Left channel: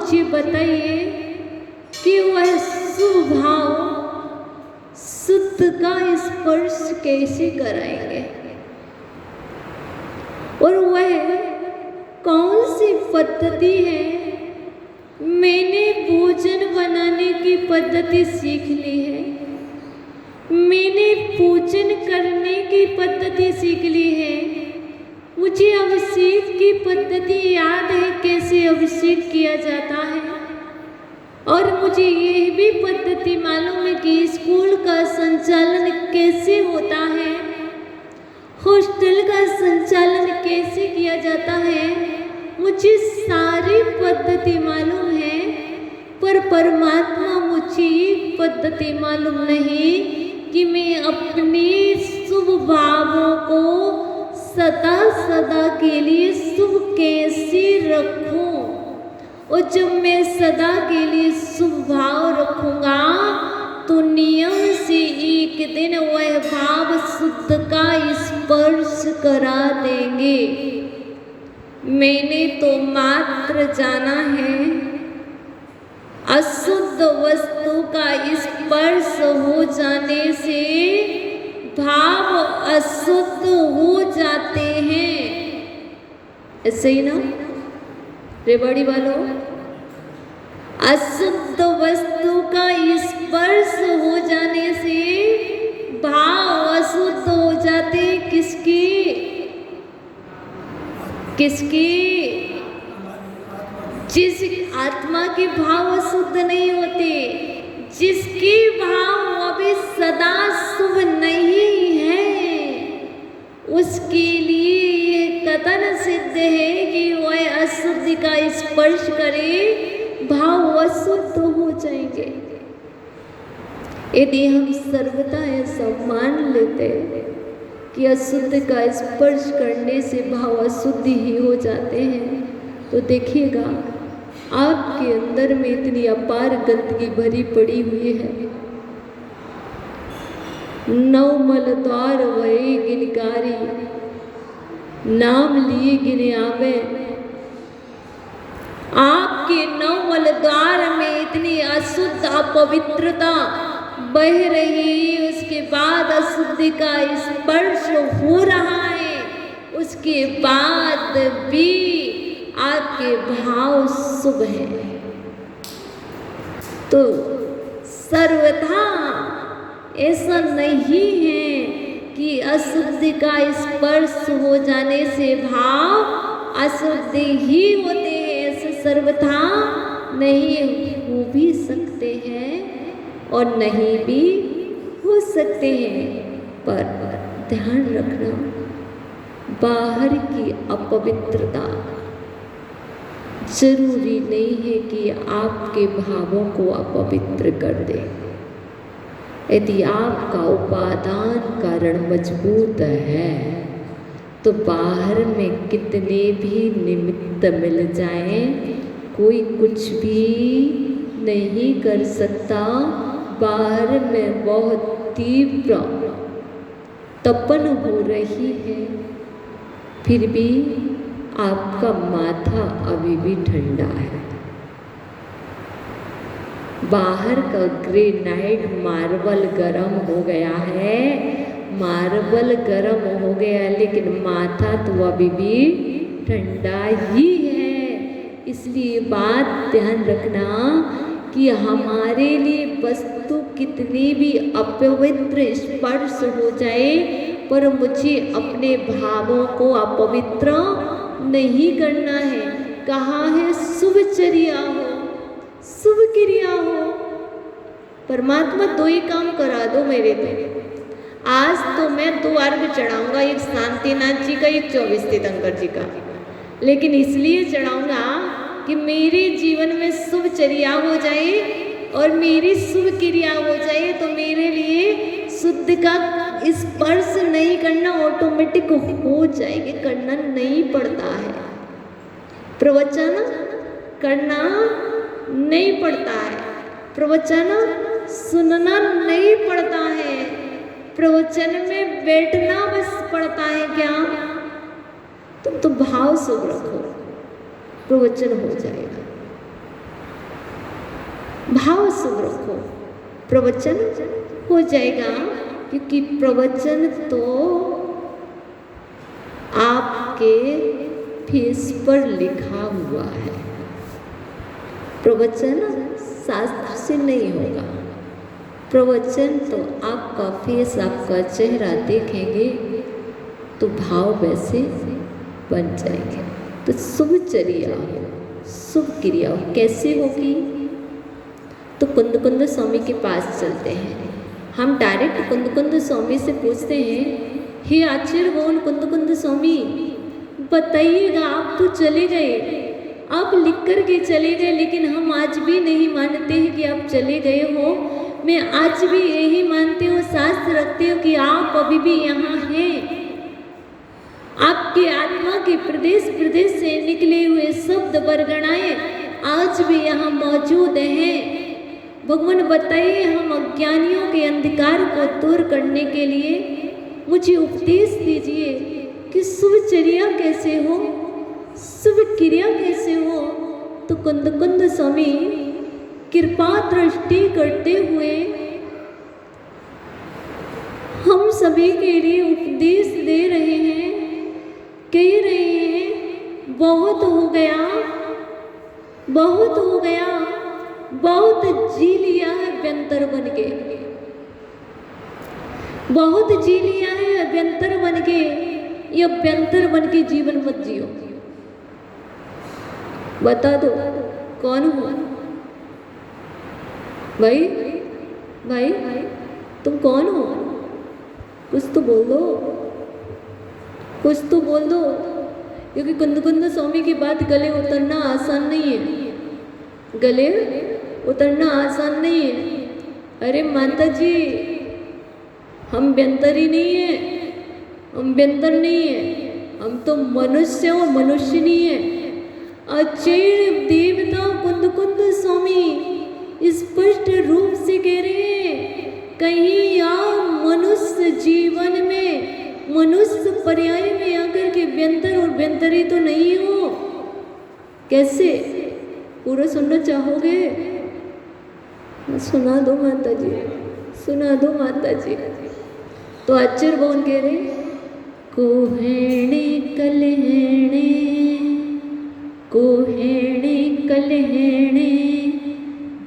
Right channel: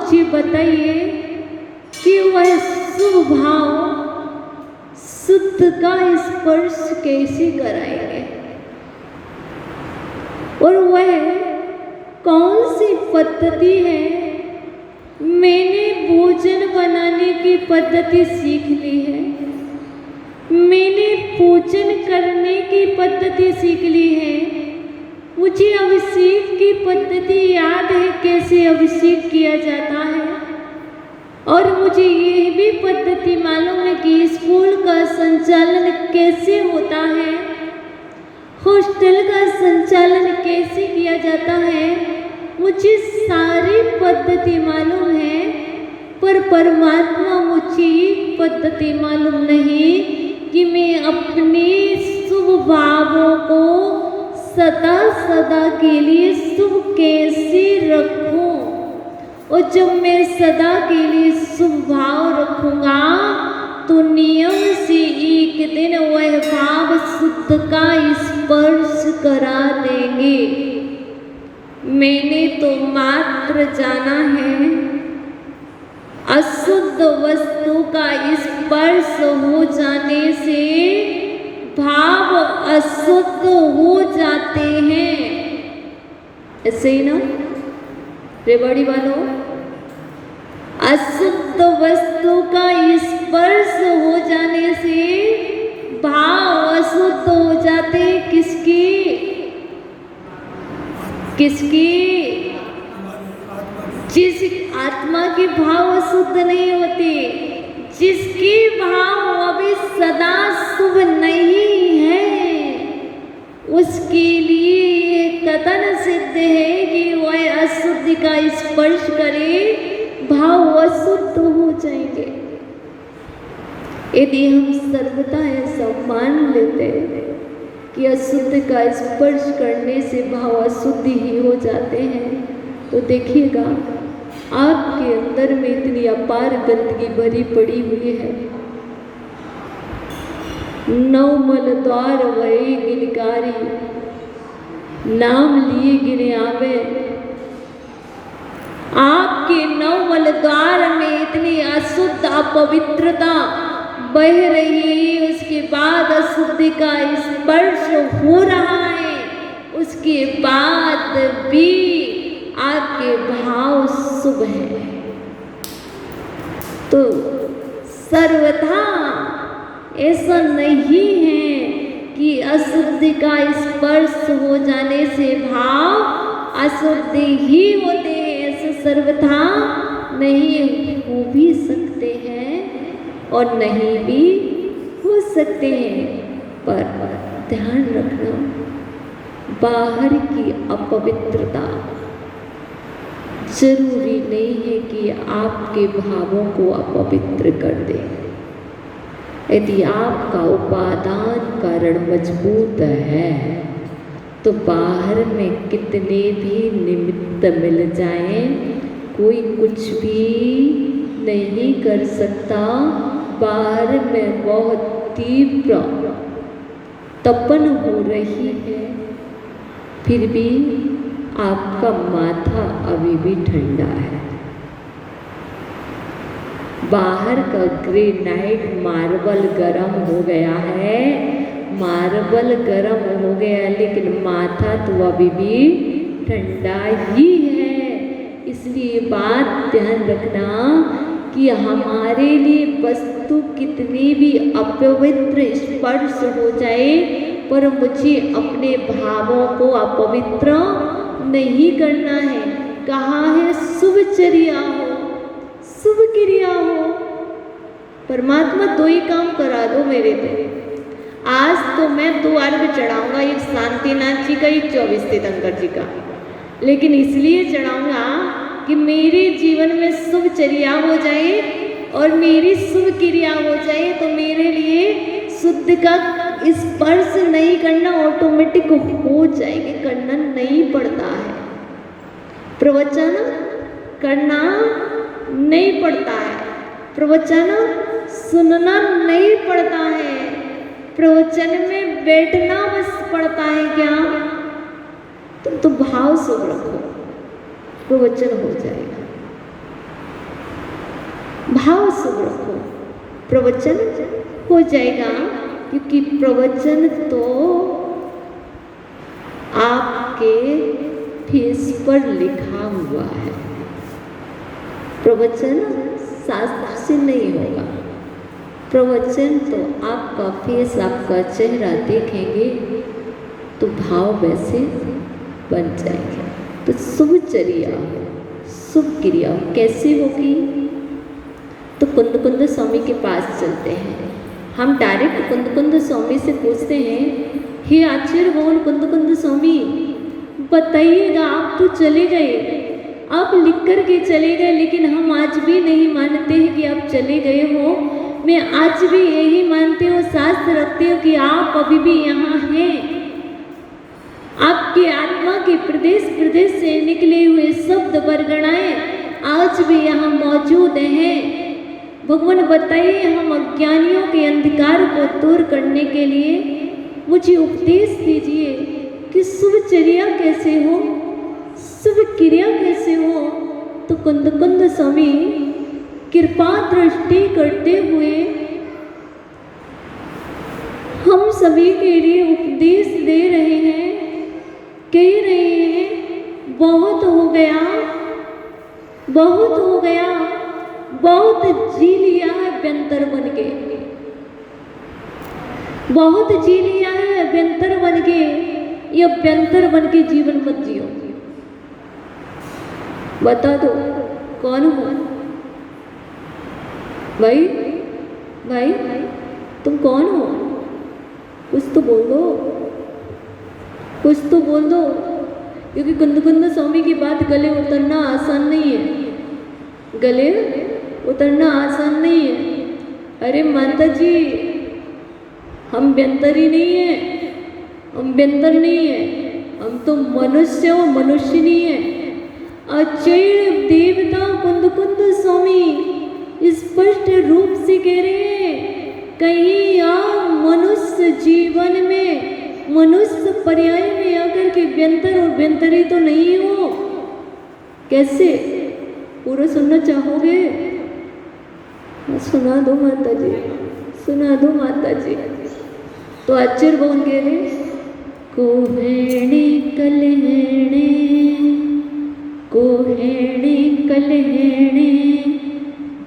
मुझे बताइए कि वह शुभ भाव शुद्ध का स्पर्श कैसे कराएंगे? और वह कौन सी पद्धति है? मैंने भोजन बनाने की पद्धति सीख ली है, मैंने पूजन करने की पद्धति सीख ली है, मुझे अभिषेक की पद्धति याद है कैसे अभिषेक किया जाता है, और मुझे यह भी पद्धति मालूम है कि स्कूल का संचालन कैसे होता है, हॉस्टल का संचालन कैसे किया जाता है। मुझे सारी पद्धति मालूम है, पर परमात्मा मुझे पद्धति मालूम नहीं कि मैं अपने शुभ भावों को सदा सदा के लिए शुभ कैसे रखूं। और जब मैं सदा के लिए शुभ भाव रखूंगा तो नियम से एक दिन वह भाव शुद्ध का स्पर्श करा देंगे। मैंने तो मात्र जाना है अशुद्ध वस्तु का स्पर्श हो जाने से भाव अशुद्ध हो जाते हैं। ऐसे ही ना रेवाड़ी वालों, अशुद्ध वस्तु का स्पर्श हो जाने से भाव अशुद्ध हो जाते। किसकी जिस आत्मा के भाव अशुद्ध नहीं होते, जिसके भाव अभी सदा शुभ नहीं है, उसके लिए यह कथन सिद्ध है कि वह अशुद्ध का स्पर्श करे भाव अशुद्ध हो जाएंगे। यदि हम सर्वथा ऐसा मान लेते हैं कि अशुद्ध का स्पर्श करने से भाव अशुद्ध ही हो जाते हैं, तो देखिएगा आपके अंदर में इतनी अपार गंदगी भरी पड़ी हुई है। नौ मल द्वार वही गिनकारी, नाम लिए गिने आवे। आपके नौ मल द्वार में इतनी अशुद्ध अपवित्रता बह रही है, उसके बाद अशुद्धि का स्पर्श हो रहा है, उसके बाद भी आपके भाव शुभ है। तो सर्वथा ऐसा नहीं है कि अशुद्धि का स्पर्श हो जाने से भाव अशुद्ध ही होते हैं। ऐसे सर्वथा नहीं हो भी सकते हैं और नहीं भी हो सकते हैं, पर ध्यान रखना बाहर की अपवित्रता जरूरी नहीं है कि आपके भावों को अपवित्र कर दे। यदि आपका उपादान कारण मजबूत है तो बाहर में कितने भी निमित्त मिल जाएं, कोई कुछ भी नहीं कर सकता। बाहर में बहुत तीव्र तपन हो रही है, फिर भी आपका माथा अभी भी ठंडा है। बाहर का ग्रेनाइट मार्बल गर्म हो गया है, मार्बल गर्म हो गया, लेकिन माथा तो अभी भी ठंडा ही है। इसलिए बात ध्यान रखना कि हमारे लिए वस्तु कितनी भी अपवित्र स्पर्श हो जाए, पर मुझे अपने भावों को अपवित्र नहीं करना है। कहाँ है शुभचर्या हो, शुभ क्रिया हो। परमात्मा दो ही काम करा दो मेरे पे। आज तो मैं 2 अर्घ चढ़ाऊंगा, एक शांतिनाथ जी का, एक 24 तीर्थंकर जी का, लेकिन इसलिए चढ़ाऊंगा कि मेरे जीवन में शुभचर्या हो जाए और मेरी शुभ क्रिया हो जाए, तो मेरे लिए शुद्ध का स्पर्श नहीं करना ऑटोमेटिक हो जाएगी, करना नहीं पड़ता है। प्रवचन करना नहीं पड़ता है, प्रवचन सुनना नहीं पड़ता है, प्रवचन में बैठना बस पड़ता है। क्या तुम तो भाव शुभ रखो, प्रवचन हो जाएगा। भाव शुभ रखो, प्रवचन हो जाएगा, क्योंकि प्रवचन तो आपके फेस पर लिखा हुआ है। प्रवचन शास्त्र से नहीं होगा, प्रवचन तो आपका फेस, आपका चेहरा देखेंगे तो भाव वैसे बन जाएंगे। तो शुभचर्या, शुभ क्रिया कैसे होगी? तो कुंद स्वामी के पास चलते हैं। हम डायरेक्ट कुंद स्वामी से पूछते हैं, हे आचार्य बोल कुंद स्वामी बताइएगा, आप तो चले गए, आप लिख कर के चले गए, लेकिन हम आज भी नहीं मानते हैं कि आप चले गए हो। मैं आज भी यही मानती हूँ, शास्त्र रखती हूँ कि आप अभी भी यहाँ हैं। आपके आत्मा के प्रदेश प्रदेश से निकले हुए शब्द वर्गणाएं आज भी यहाँ मौजूद हैं। भगवान बताइए, हम अज्ञानियों के अंधकार को दूर करने के लिए मुझे उपदेश दीजिए कि शुभचर्या कैसे हो, शुभ क्रिया कैसे हो। तो कुंद स्वामी कृपा दृष्टि करते हुए हम सभी के लिए उपदेश दे रहे हैं, कह रहे हैं, बहुत हो गया, बहुत हो गया, बहुत जी लिया है अभ्यंतर बन के, बहुत जी लिया है अभ्यंतर बन के। ये अभ्यंतर बन के जीवन मत जियो। बता दो कौन हो भाई? भाई तुम कौन हो? कुछ तो बोल दो, कुछ तो बोल दो, क्योंकि कुंद स्वामी की बात गले उतरना आसान नहीं है, गले उतरना आसान नहीं है। अरे माता जी, हम व्यंतर ही नहीं है, हम व्यंतर नहीं है, हम तो मनुष्य हो, मनुष्य नहीं है। आचार्य देवता कुंद स्वामी स्पष्ट रूप से कह रहे हैं, कहीं आप मनुष्य जीवन में, मनुष्य पर्याय में आकर के व्यंतर और व्यंतरी तो नहीं हो। कैसे? पूरा सुनना चाहोगे? सुना दो माता जी, सुना दो माता जी। तो आचार्य कौन कह रहे? कोहेणी कलहेणे, कोहेणी कलहेणे,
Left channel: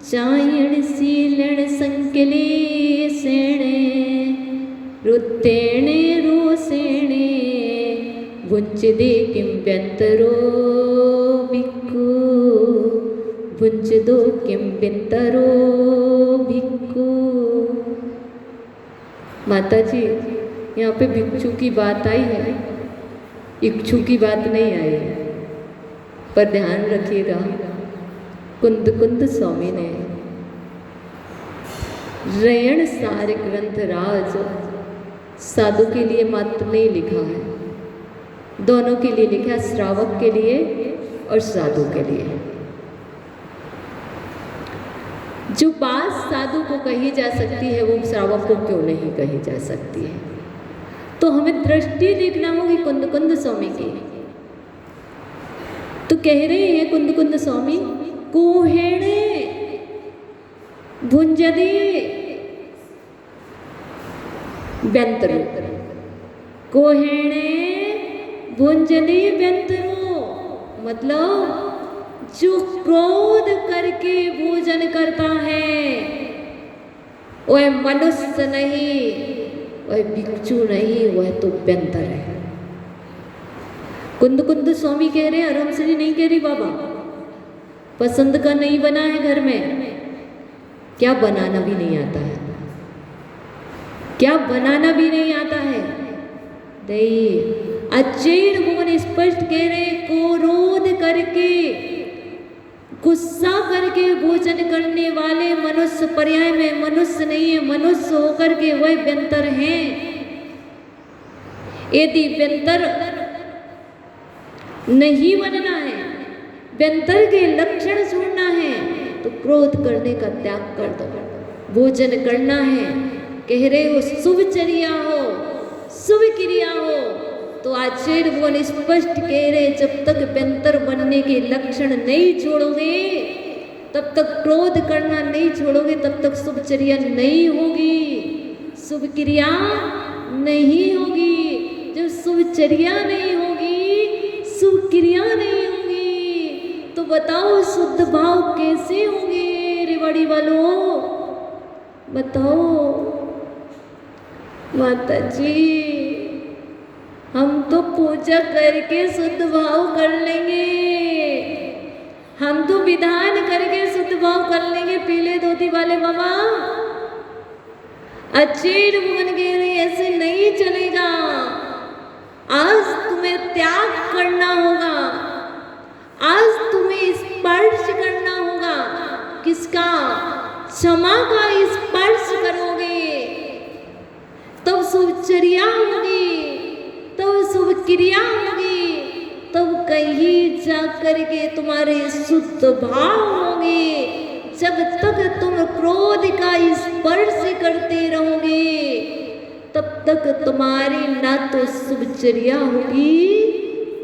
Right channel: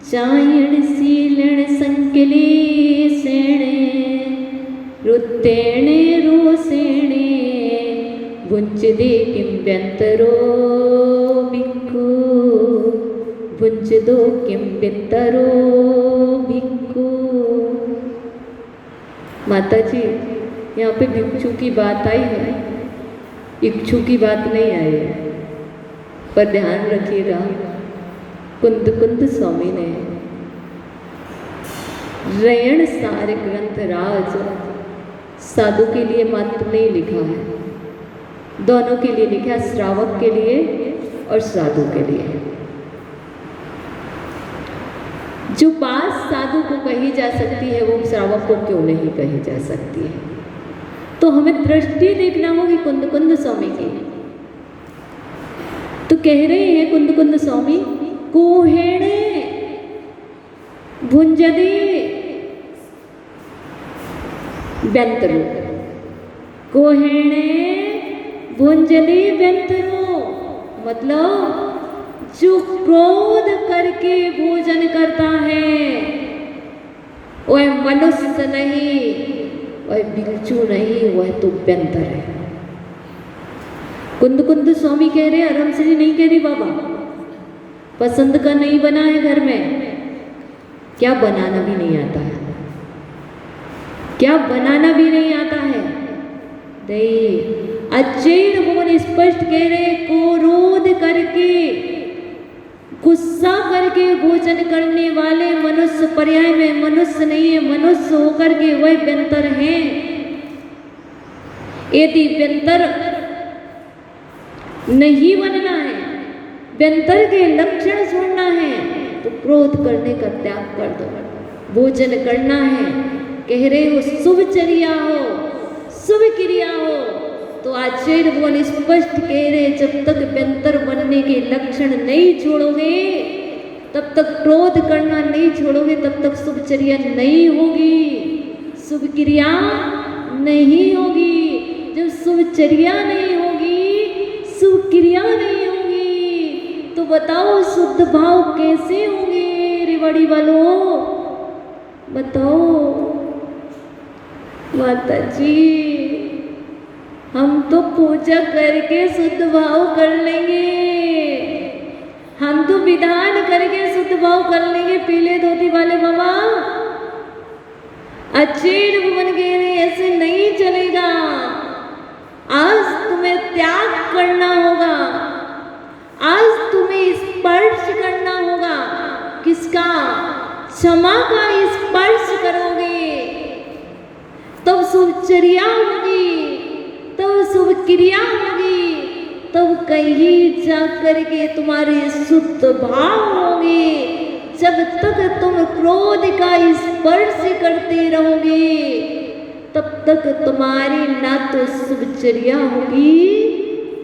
चायण सीलण संकले सेणे, रुत्तेणे रोसेणे, भुंचदे किं व्यंतरो भिक्खु, भुंचदो किं व्यंतरो भिक्खु। माता जी, यहाँ पे भिक्षु की बात आई है, इच्छू की बात नहीं आई है, पर ध्यान रखिएगा, कुंद स्वामी ने रयण सार ग्रंथ राज साधु के लिए मात्र नहीं लिखा है, दोनों के लिए लिखा है, श्रावक के लिए और साधु के लिए। जो बात साधु को कही जा सकती है वो श्रावक को क्यों नहीं कही जा सकती है? तो हमें दृष्टि देखना होगी कुंद स्वामी की। तो कह रहे हैं कुंद स्वामी, कोहेणे भुंजदे व्यंतरो, कोहेणे भुंजदे व्यंतरो, मतलब जो क्रोध करके भोजन करता है वह मनुष्य नहीं, वह भिक्षु नहीं, वह तो व्यंतर है। कुंद स्वामी कह रहे, आराम से नहीं कह रही बाबा, पसंद का नहीं बना है घर में, क्या बनाना भी नहीं आता है, क्या बनाना भी नहीं आता है। नहीं, आचार्य भगवान स्पष्ट कह रहे, क्रोध करके, गुस्सा करके भोजन करने वाले मनुष्य पर्याय में मनुष्य नहीं है, मनुष्य होकर के वह व्यंतर है। यदि व्यंतर नहीं बनना है, व्यंतर के लक्षण छोड़ना है, तो क्रोध करने का त्याग कर दो, भोजन करना है। कह रहे हो शुभचर्या हो, शुभ क्रिया हो, तो आचार्य भगवान स्पष्ट कह रहे, जब तक व्यंतर बनने के लक्षण नहीं छोड़ोगे तब तक क्रोध करना नहीं छोड़ोगे तब तक शुभचर्या नहीं होगी, शुभ क्रिया नहीं होगी। जब शुभचर्या नहीं होगी, शुभ क्रिया नहीं होगी, तो बताओ शुद्ध भाव कैसे होंगे रे बड़ी वालों, बताओ। माता जी हम तो पूजा करके शुद्ध भाव कर लेंगे, हम तो विधान करके शुद्ध भाव कर लेंगे। पीले धोती वाले बाबा अच्छे बन गए, ऐसे नहीं चलेगा। आज तुम्हें त्याग करना होगा, आज तुम्हें स्पर्श करना होगा। किसका? क्षमा का स्पर्श करोगे तब शुभचर्या होगी, तब शुभ क्रिया होगी, तब कहीं जाकर के तुम्हारे शुद्ध भाव होंगे। जब तक तुम क्रोध का स्पर्श करते रहोगे तब तक तुम्हारी ना तो शुभचर्या होगी,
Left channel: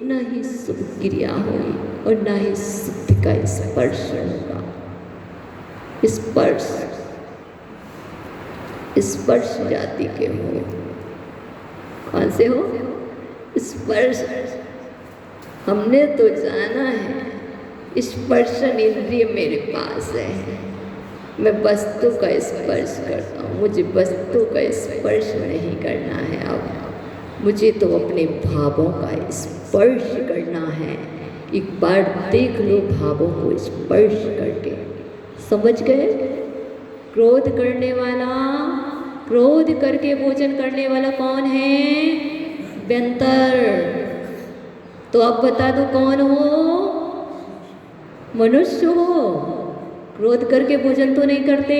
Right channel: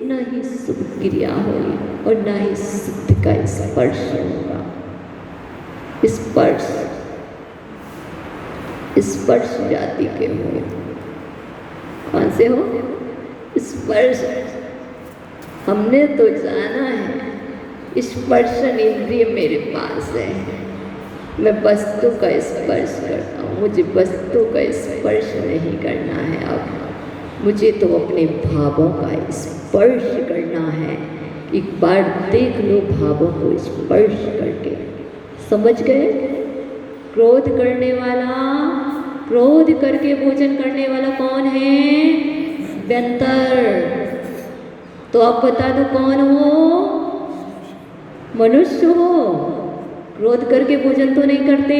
ना ही शुभ क्रिया होगी, और ना ही शुद्ध का स्पर्श होगा। स्पर्श स्पर्श जाति के होंगे। कौन से हो? स्पर्श। हमने तो जाना है स्पर्शन इंद्रिय मेरे पास है, मैं वस्तु का स्पर्श करता हूँ, मुझे वस्तु का स्पर्श नहीं करना है। अब मुझे तो अपने भावों का स्पर्श करना है। एक बार देख लो भावों को स्पर्श करके, समझ गए? क्रोध करने वाला, क्रोध करके भोजन करने वाला कौन है? व्यंतर। तो आप बता दो कौन हो? मनुष्य हो। क्रोध करके भोजन तो नहीं करते,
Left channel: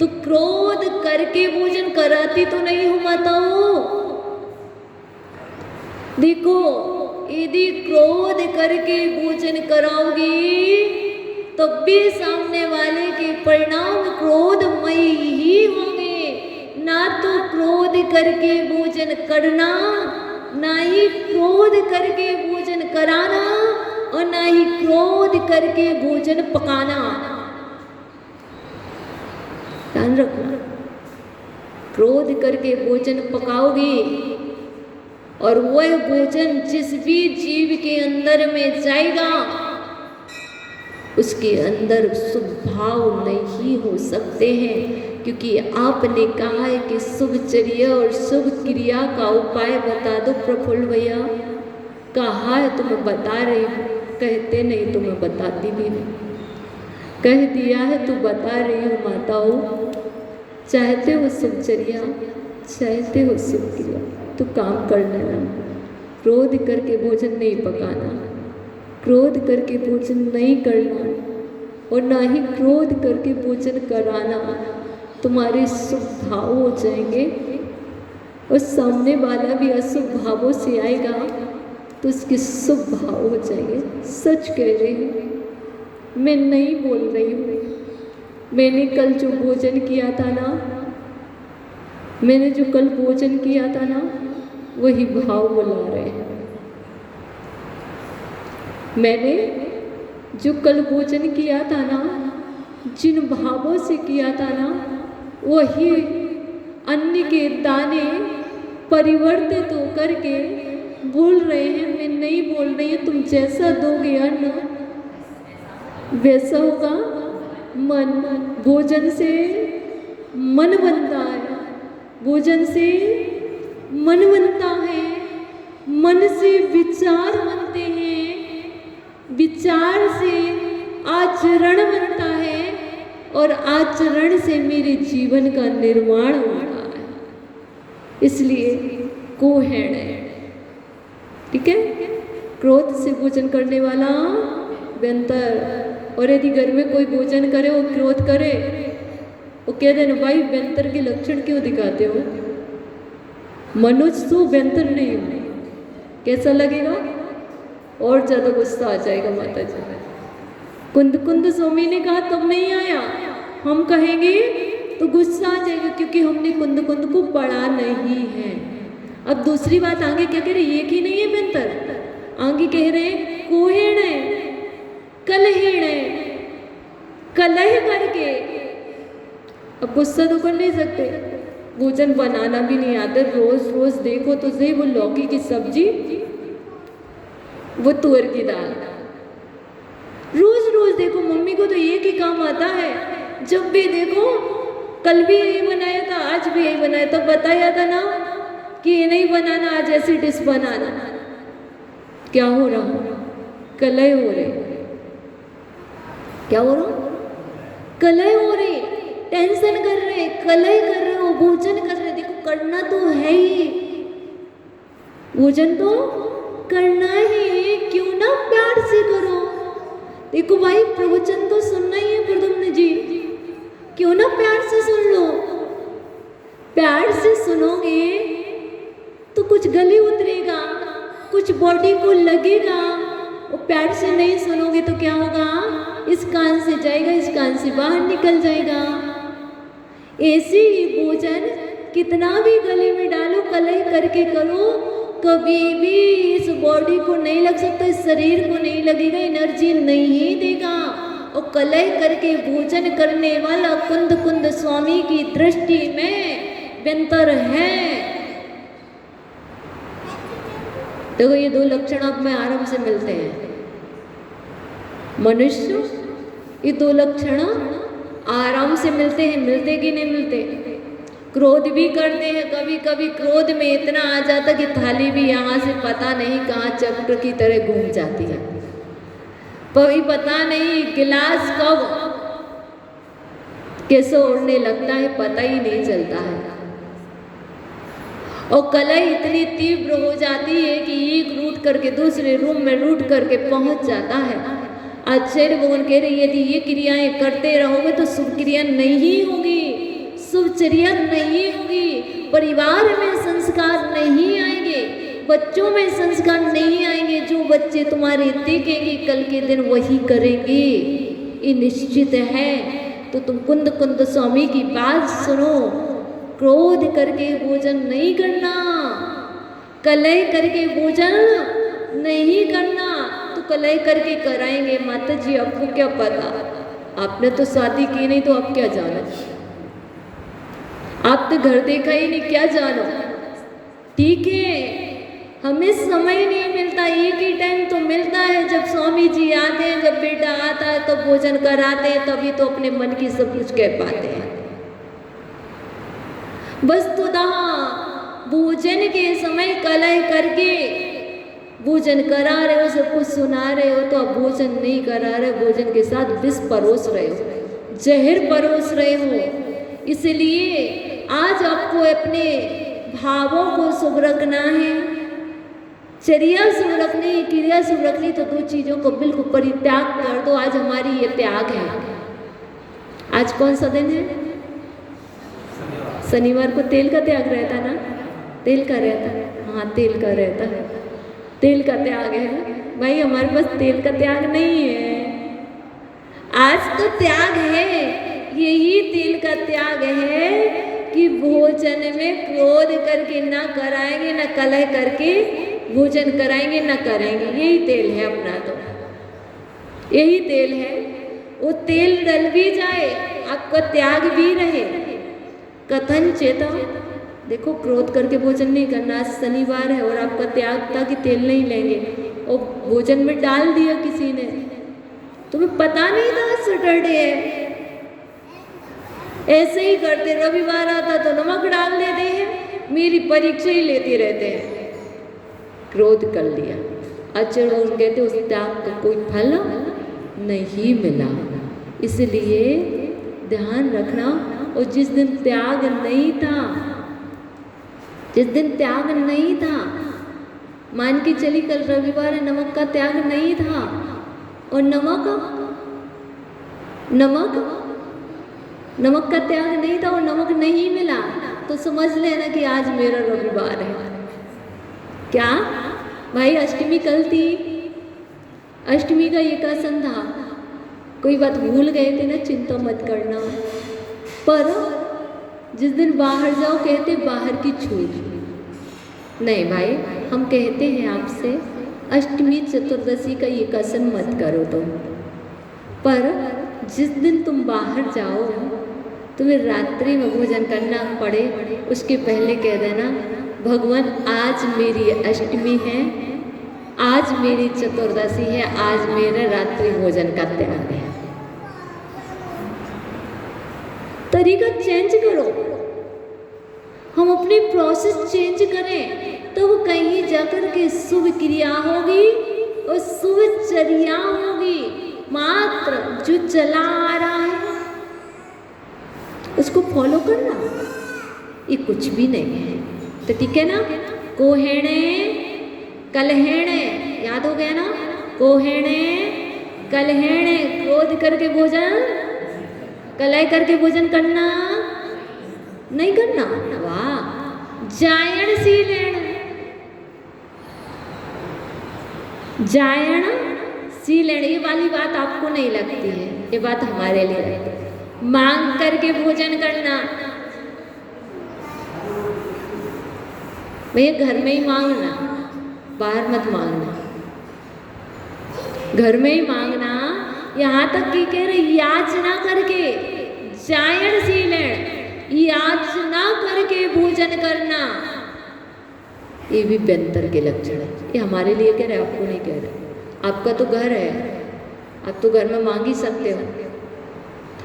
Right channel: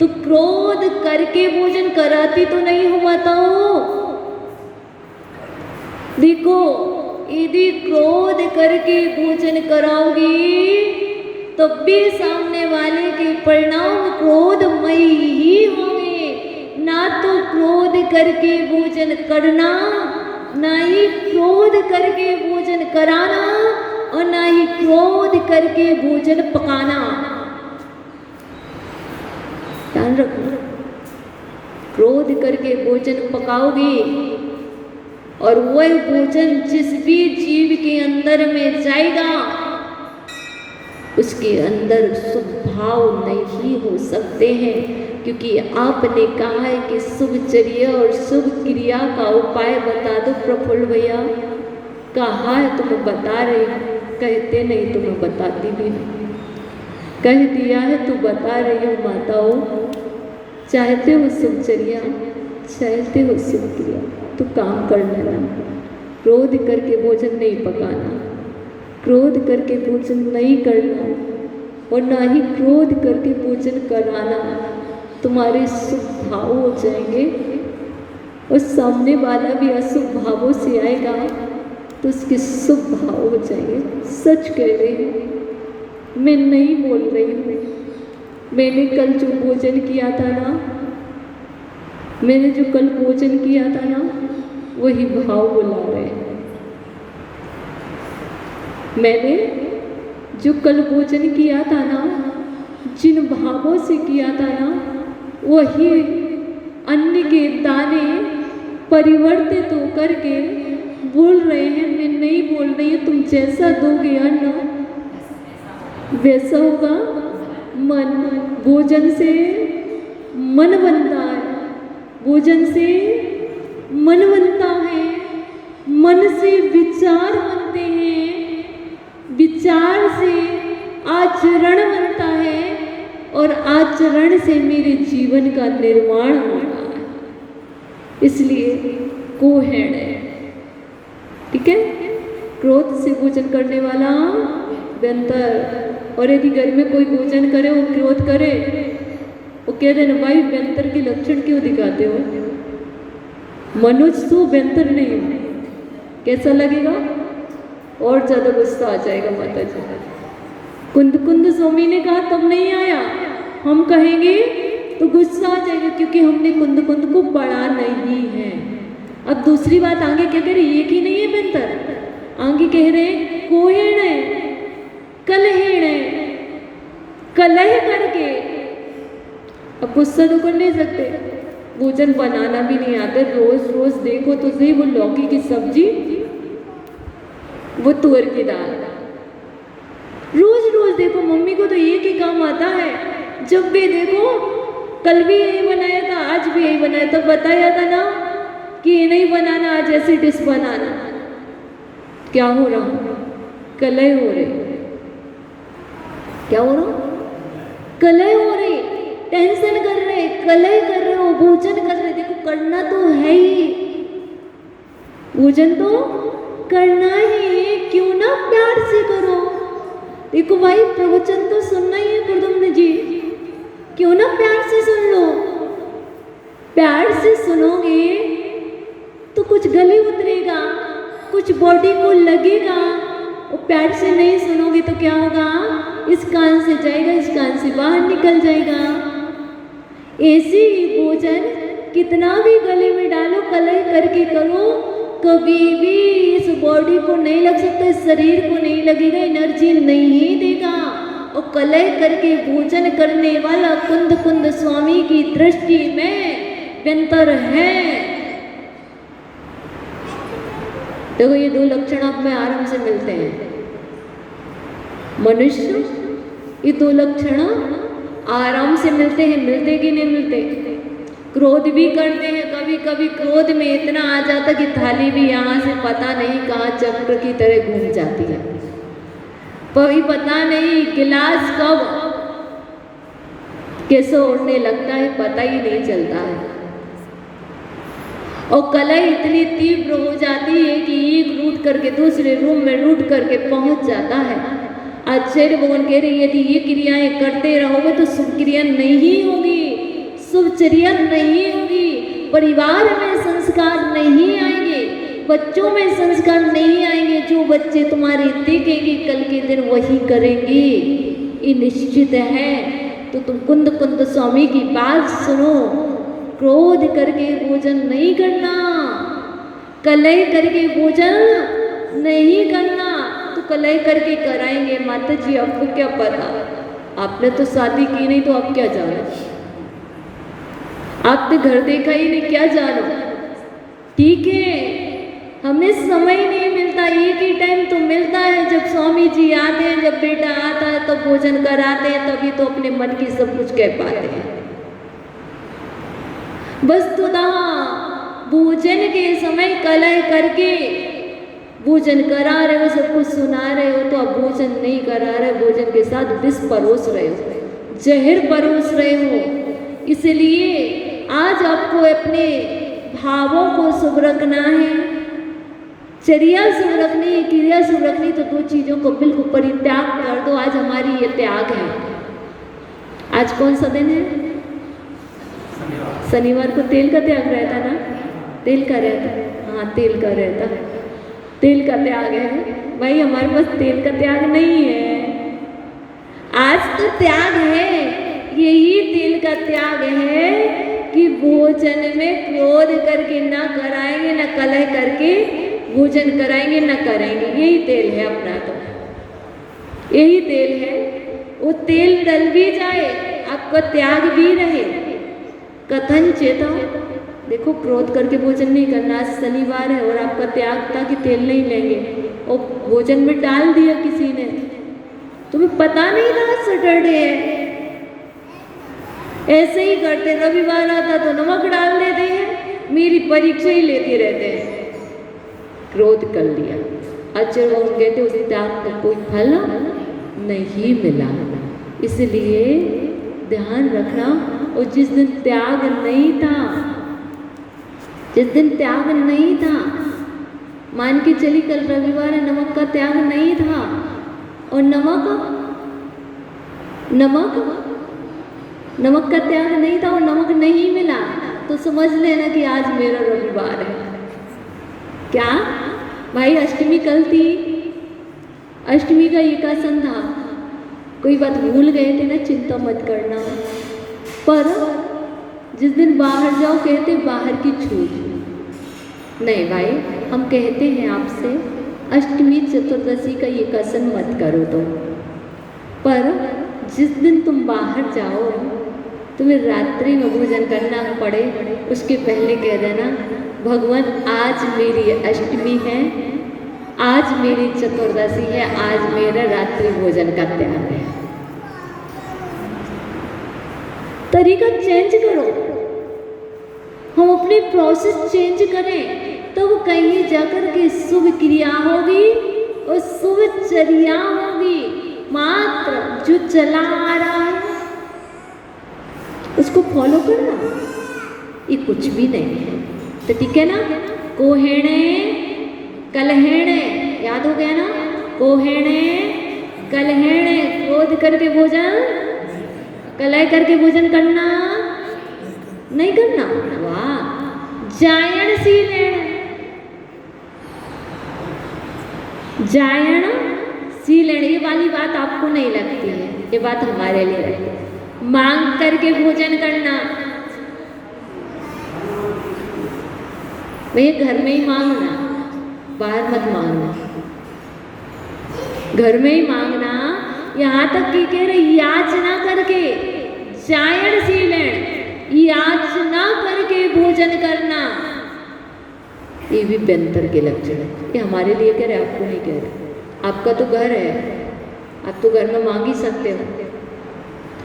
तो क्रोध करके भोजन कराती तो नहीं हो माताओं। देखो यदि क्रोध करके भोजन कराओगी तब भी सामने वाले के परिणाम क्रोधमयी ही होंगे। ना तो क्रोध करके भोजन करना, ना ही क्रोध करके भोजन कराना, और ना ही क्रोध करके भोजन पकाना। ध्यान रखो, क्रोध करके भोजन पकाओगी और वह भोजन जिस भी जीव के अंदर में जाएगा उसके अंदर शुभ भाव नहीं हो सकते हैं। क्योंकि आपने कहा है कि शुभचर्या और शुभ क्रिया का उपाय बता दो प्रफुल्ल भैया। कहा है तो मैं बता रही हूँ, कहते नहीं तो मैं बताती भी नहीं। कह दिया है तो बता रही हूँ माताओं। चाहते हो शुभचर्या, चाहते हो शुभ क्रिया तो काम कर लेना। क्रोध करके भोजन नहीं पकाना, क्रोध करके भोजन नहीं करना, और ना ही क्रोध करके भोजन करवाना। तुम्हारे शुभ भाव हो जाएंगे और सामने वाला भी अशुभ भावों से आएगा तो उसके शुभ भाव हो जाएंगे। सच कह रही हूँ, मैं नहीं बोल रही हूँ। मैंने कल जो भोजन किया था ना, मैंने जो कल भोजन किया था ना, वही भाव बुला रहे हैं। मैंने जो कल भोजन किया था ना, जिन भावों से किया था ना, वही अन्न के दाने परिवर्तित होकर के बोल रहे हैं। मैं नहीं बोल रही हूँ, तुम जैसा दोगे अन्न वैसा होगा मन। भोजन से मन बनता है, भोजन से मन बनता है, मन से विचार बनते हैं, विचार से आचरण बनता है, और आचरण से मेरे जीवन का निर्माण होता है। इसलिए कोहण है, ठीक है। क्रोध से भोजन करने वाला व्यंतर। और यदि घर में कोई भोजन करे वो क्रोध करे, वो कह देना भाई व्यंतर के लक्षण क्यों दिखाते हो? मनुष्य तो व्यंतर नहीं हो। कैसा लगेगा? और ज्यादा गुस्सा आ जाएगा माता जी। कुंद कुंद स्वामी ने कहा तब नहीं आया, हम कहेंगे तो गुस्सा आ जाएगा, क्योंकि हमने कुंद कुंद को पढ़ा नहीं है। अब दूसरी बात आगे क्या कह रहे? एक ही नहीं है व्यंतर, आगे कह रहे कोहेण है, कलहेण है। कलह करके। अब गुस्सा तो कर नहीं सकते, भोजन बनाना भी नहीं आता। रोज रोज देखो तो सही, वो लौकी की सब्जी, वो तुअर की दाल, रोज रोज देखो। मम्मी को तो एक ही काम आता है, जब भी देखो, कल भी यही बनाया था, आज भी यही बनाया था। बताया था ना कि ये नहीं बनाना, आज ऐसी डिश बनाना। क्या हो रहा? कलह हो रही। क्या हो रहा? कलह हो रही, टेंशन कर रहे, कलह कर रहे हो, भोजन कर रहे। देखो करना तो है ही, भोजन तो करना ही, क्यों ना प्यार से करो। देखो भाई, प्रवचन तो सुनना ही है प्रद्युम्न जी, क्यों ना प्यार से सुन लो। प्यार से सुनोगे तो कुछ गले उतरेगा, कुछ बॉडी को लगेगा। और प्यार से नहीं सुनोगे तो क्या होगा? इस कान से जाएगा, इस कान से बाहर निकल जाएगा। ऐसे ही भोजन कितना भी गले में डालो, कलह करके करो, कभी भी इस बॉडी को नहीं लग सकता, इस शरीर को नहीं लगेगा, एनर्जी नहीं देगा। और कलह करके भोजन करने वाला कुंद कुंद स्वामी की दृष्टि में व्यंतर है। देखो ये दो लक्षण आप में आराम से मिलते हैं। मनुष्य, ये दो लक्षण आराम से मिलते हैं। मिलते कि नहीं मिलते? क्रोध भी करते हैं, कभी कभी क्रोध में इतना आ जाता कि थाली भी यहाँ से पता नहीं कहाँ चक्र की तरह घूम जाती है। कभी पता नहीं गिलास कब कैसे उड़ने लगता है, पता ही नहीं चलता है। और कलह इतनी तीव्र हो जाती है कि एक रूट करके दूसरे रूम में रूट करके पहुंच जाता है। आचार्य भगवान कह रही है कि ये क्रियाएं करते रहोगे तो शुभ क्रिया नहीं होगी, शुभचर्या नहीं होगी, परिवार में संस्कार नहीं आएंगे, बच्चों में संस्कार नहीं आएंगे। जो बच्चे तुम्हारे देखेंगे कल के दिन वही करेंगे, ये निश्चित है। तो तुम कुंद कुंद स्वामी की बात सुनो। क्रोध करके भोजन नहीं करना, कलह करके भोजन नहीं करना। तो कलह करके कराएंगे माता जी, आपको क्या पता? आपने तो शादी की नहीं तो आप क्या जानो? आपने घर देखा ही नहीं, क्या जानो? ठीक है, हमें समय नहीं मिलता, एक ही टाइम तो मिलता है जब स्वामी जी आते हैं, जब बेटा आता है तो भोजन कराते हैं, तभी तो अपने मन की सब कुछ कह पाते हैं। वस्तुतः भोजन के समय कलह करके भोजन करा रहे हो, सब कुछ सुना रहे हो, तो अब भोजन नहीं करा रहे, भोजन के साथ विष परोस रहे हो, जहर परोस रहे हो। इसलिए आज आपको अपने भावों को शुभ रखना है, चर्या शुभ रखनी है, क्रिया शुभ रखनी। तो दो चीजों को बिल्कुल परित्याग कर दो। आज हमारी ये त्याग है। आज कौन सा दिन है? शनिवार को तेल का त्याग रहता ना? तेल का रहता है, हाँ तेल का रहता है, तेल का त्याग है। भाई हमारे पास तेल का त्याग नहीं है। आज तो त्याग है, यही तेल का त्याग है कि भोजन में क्रोध करके ना कराएंगे, ना कलह करके भोजन कराएंगे, ना कराएंगे। यही तेल है अपना, तो यही तेल है। वो तेल डल भी जाए, आपका त्याग भी रहे। कथन चेता, देखो क्रोध करके भोजन नहीं करना। आज शनिवार है और आपका त्याग था कि तेल नहीं लेंगे, और भोजन में डाल दिया किसी ने, तुम्हें पता नहीं था सैटरडे है। ऐसे ही करते, रविवार आता तो नमक डाल देते हैं, मेरी परीक्षा ही लेते रहते हैं। क्रोध कर लिया, आचार्य कहते उस त्याग का कोई फल नहीं मिला। इसलिए ध्यान रखना। और जिस दिन त्याग नहीं था, जिस दिन त्याग नहीं था, मान के चली कल रविवार है, नमक का त्याग नहीं था, और नमक का त्याग नहीं था और नमक नहीं मिला, तो समझ लेना कि आज मेरा रविवार है। क्या भाई? अष्टमी कल थी, अष्टमी का एकादश था, कोई बात भूल गए थे ना, चिंता मत करना। पर जिस दिन बाहर जाओ कहते बाहर की छूट नहीं। भाई हम कहते हैं आपसे अष्टमी चतुर्दशी का एकादश मत करो तुम, पर जिस दिन तुम बाहर जाओ, तुम्हें रात्रि में भोजन करना पड़े, उसके पहले कह देना भगवान आज मेरी अष्टमी है, आज मेरी चतुर्दशी है, आज मेरा रात्रि भोजन का त्याग है। तरीका चेंज करो, हम अपनी प्रोसेस चेंज करें तो कहीं जाकर के शुभ क्रिया होगी और शुभ चर्या होगी। मात्र जो चला आ रहा है उसको फॉलो करना, ये कुछ भी नहीं है। तो ठीक है ना, कोहेणे कलहेणे, याद हो गया ना, कोहेणे कलहेणे, क्रोध करके भोजन, कलह करके भोजन करना नहीं करना। वाह, जायण सीलेण, जायण सीलेण, ये वाली बात आपको नहीं लगती है, ये बात हमारे लिए है। मांग करके भोजन करना, भैया घर में ही मांगना, बाहर मत मांगना, घर में ही मांगना। यहाँ तक कि कह रहे याचना करके, जायण सीलेण, याचना करके भोजन करना, ये भी व्यंतर के लक्षण है। ये हमारे लिए कह रहे, आपको नहीं कह रहे। आपका तो घर है, आप तो घर में मांग ही सकते हो।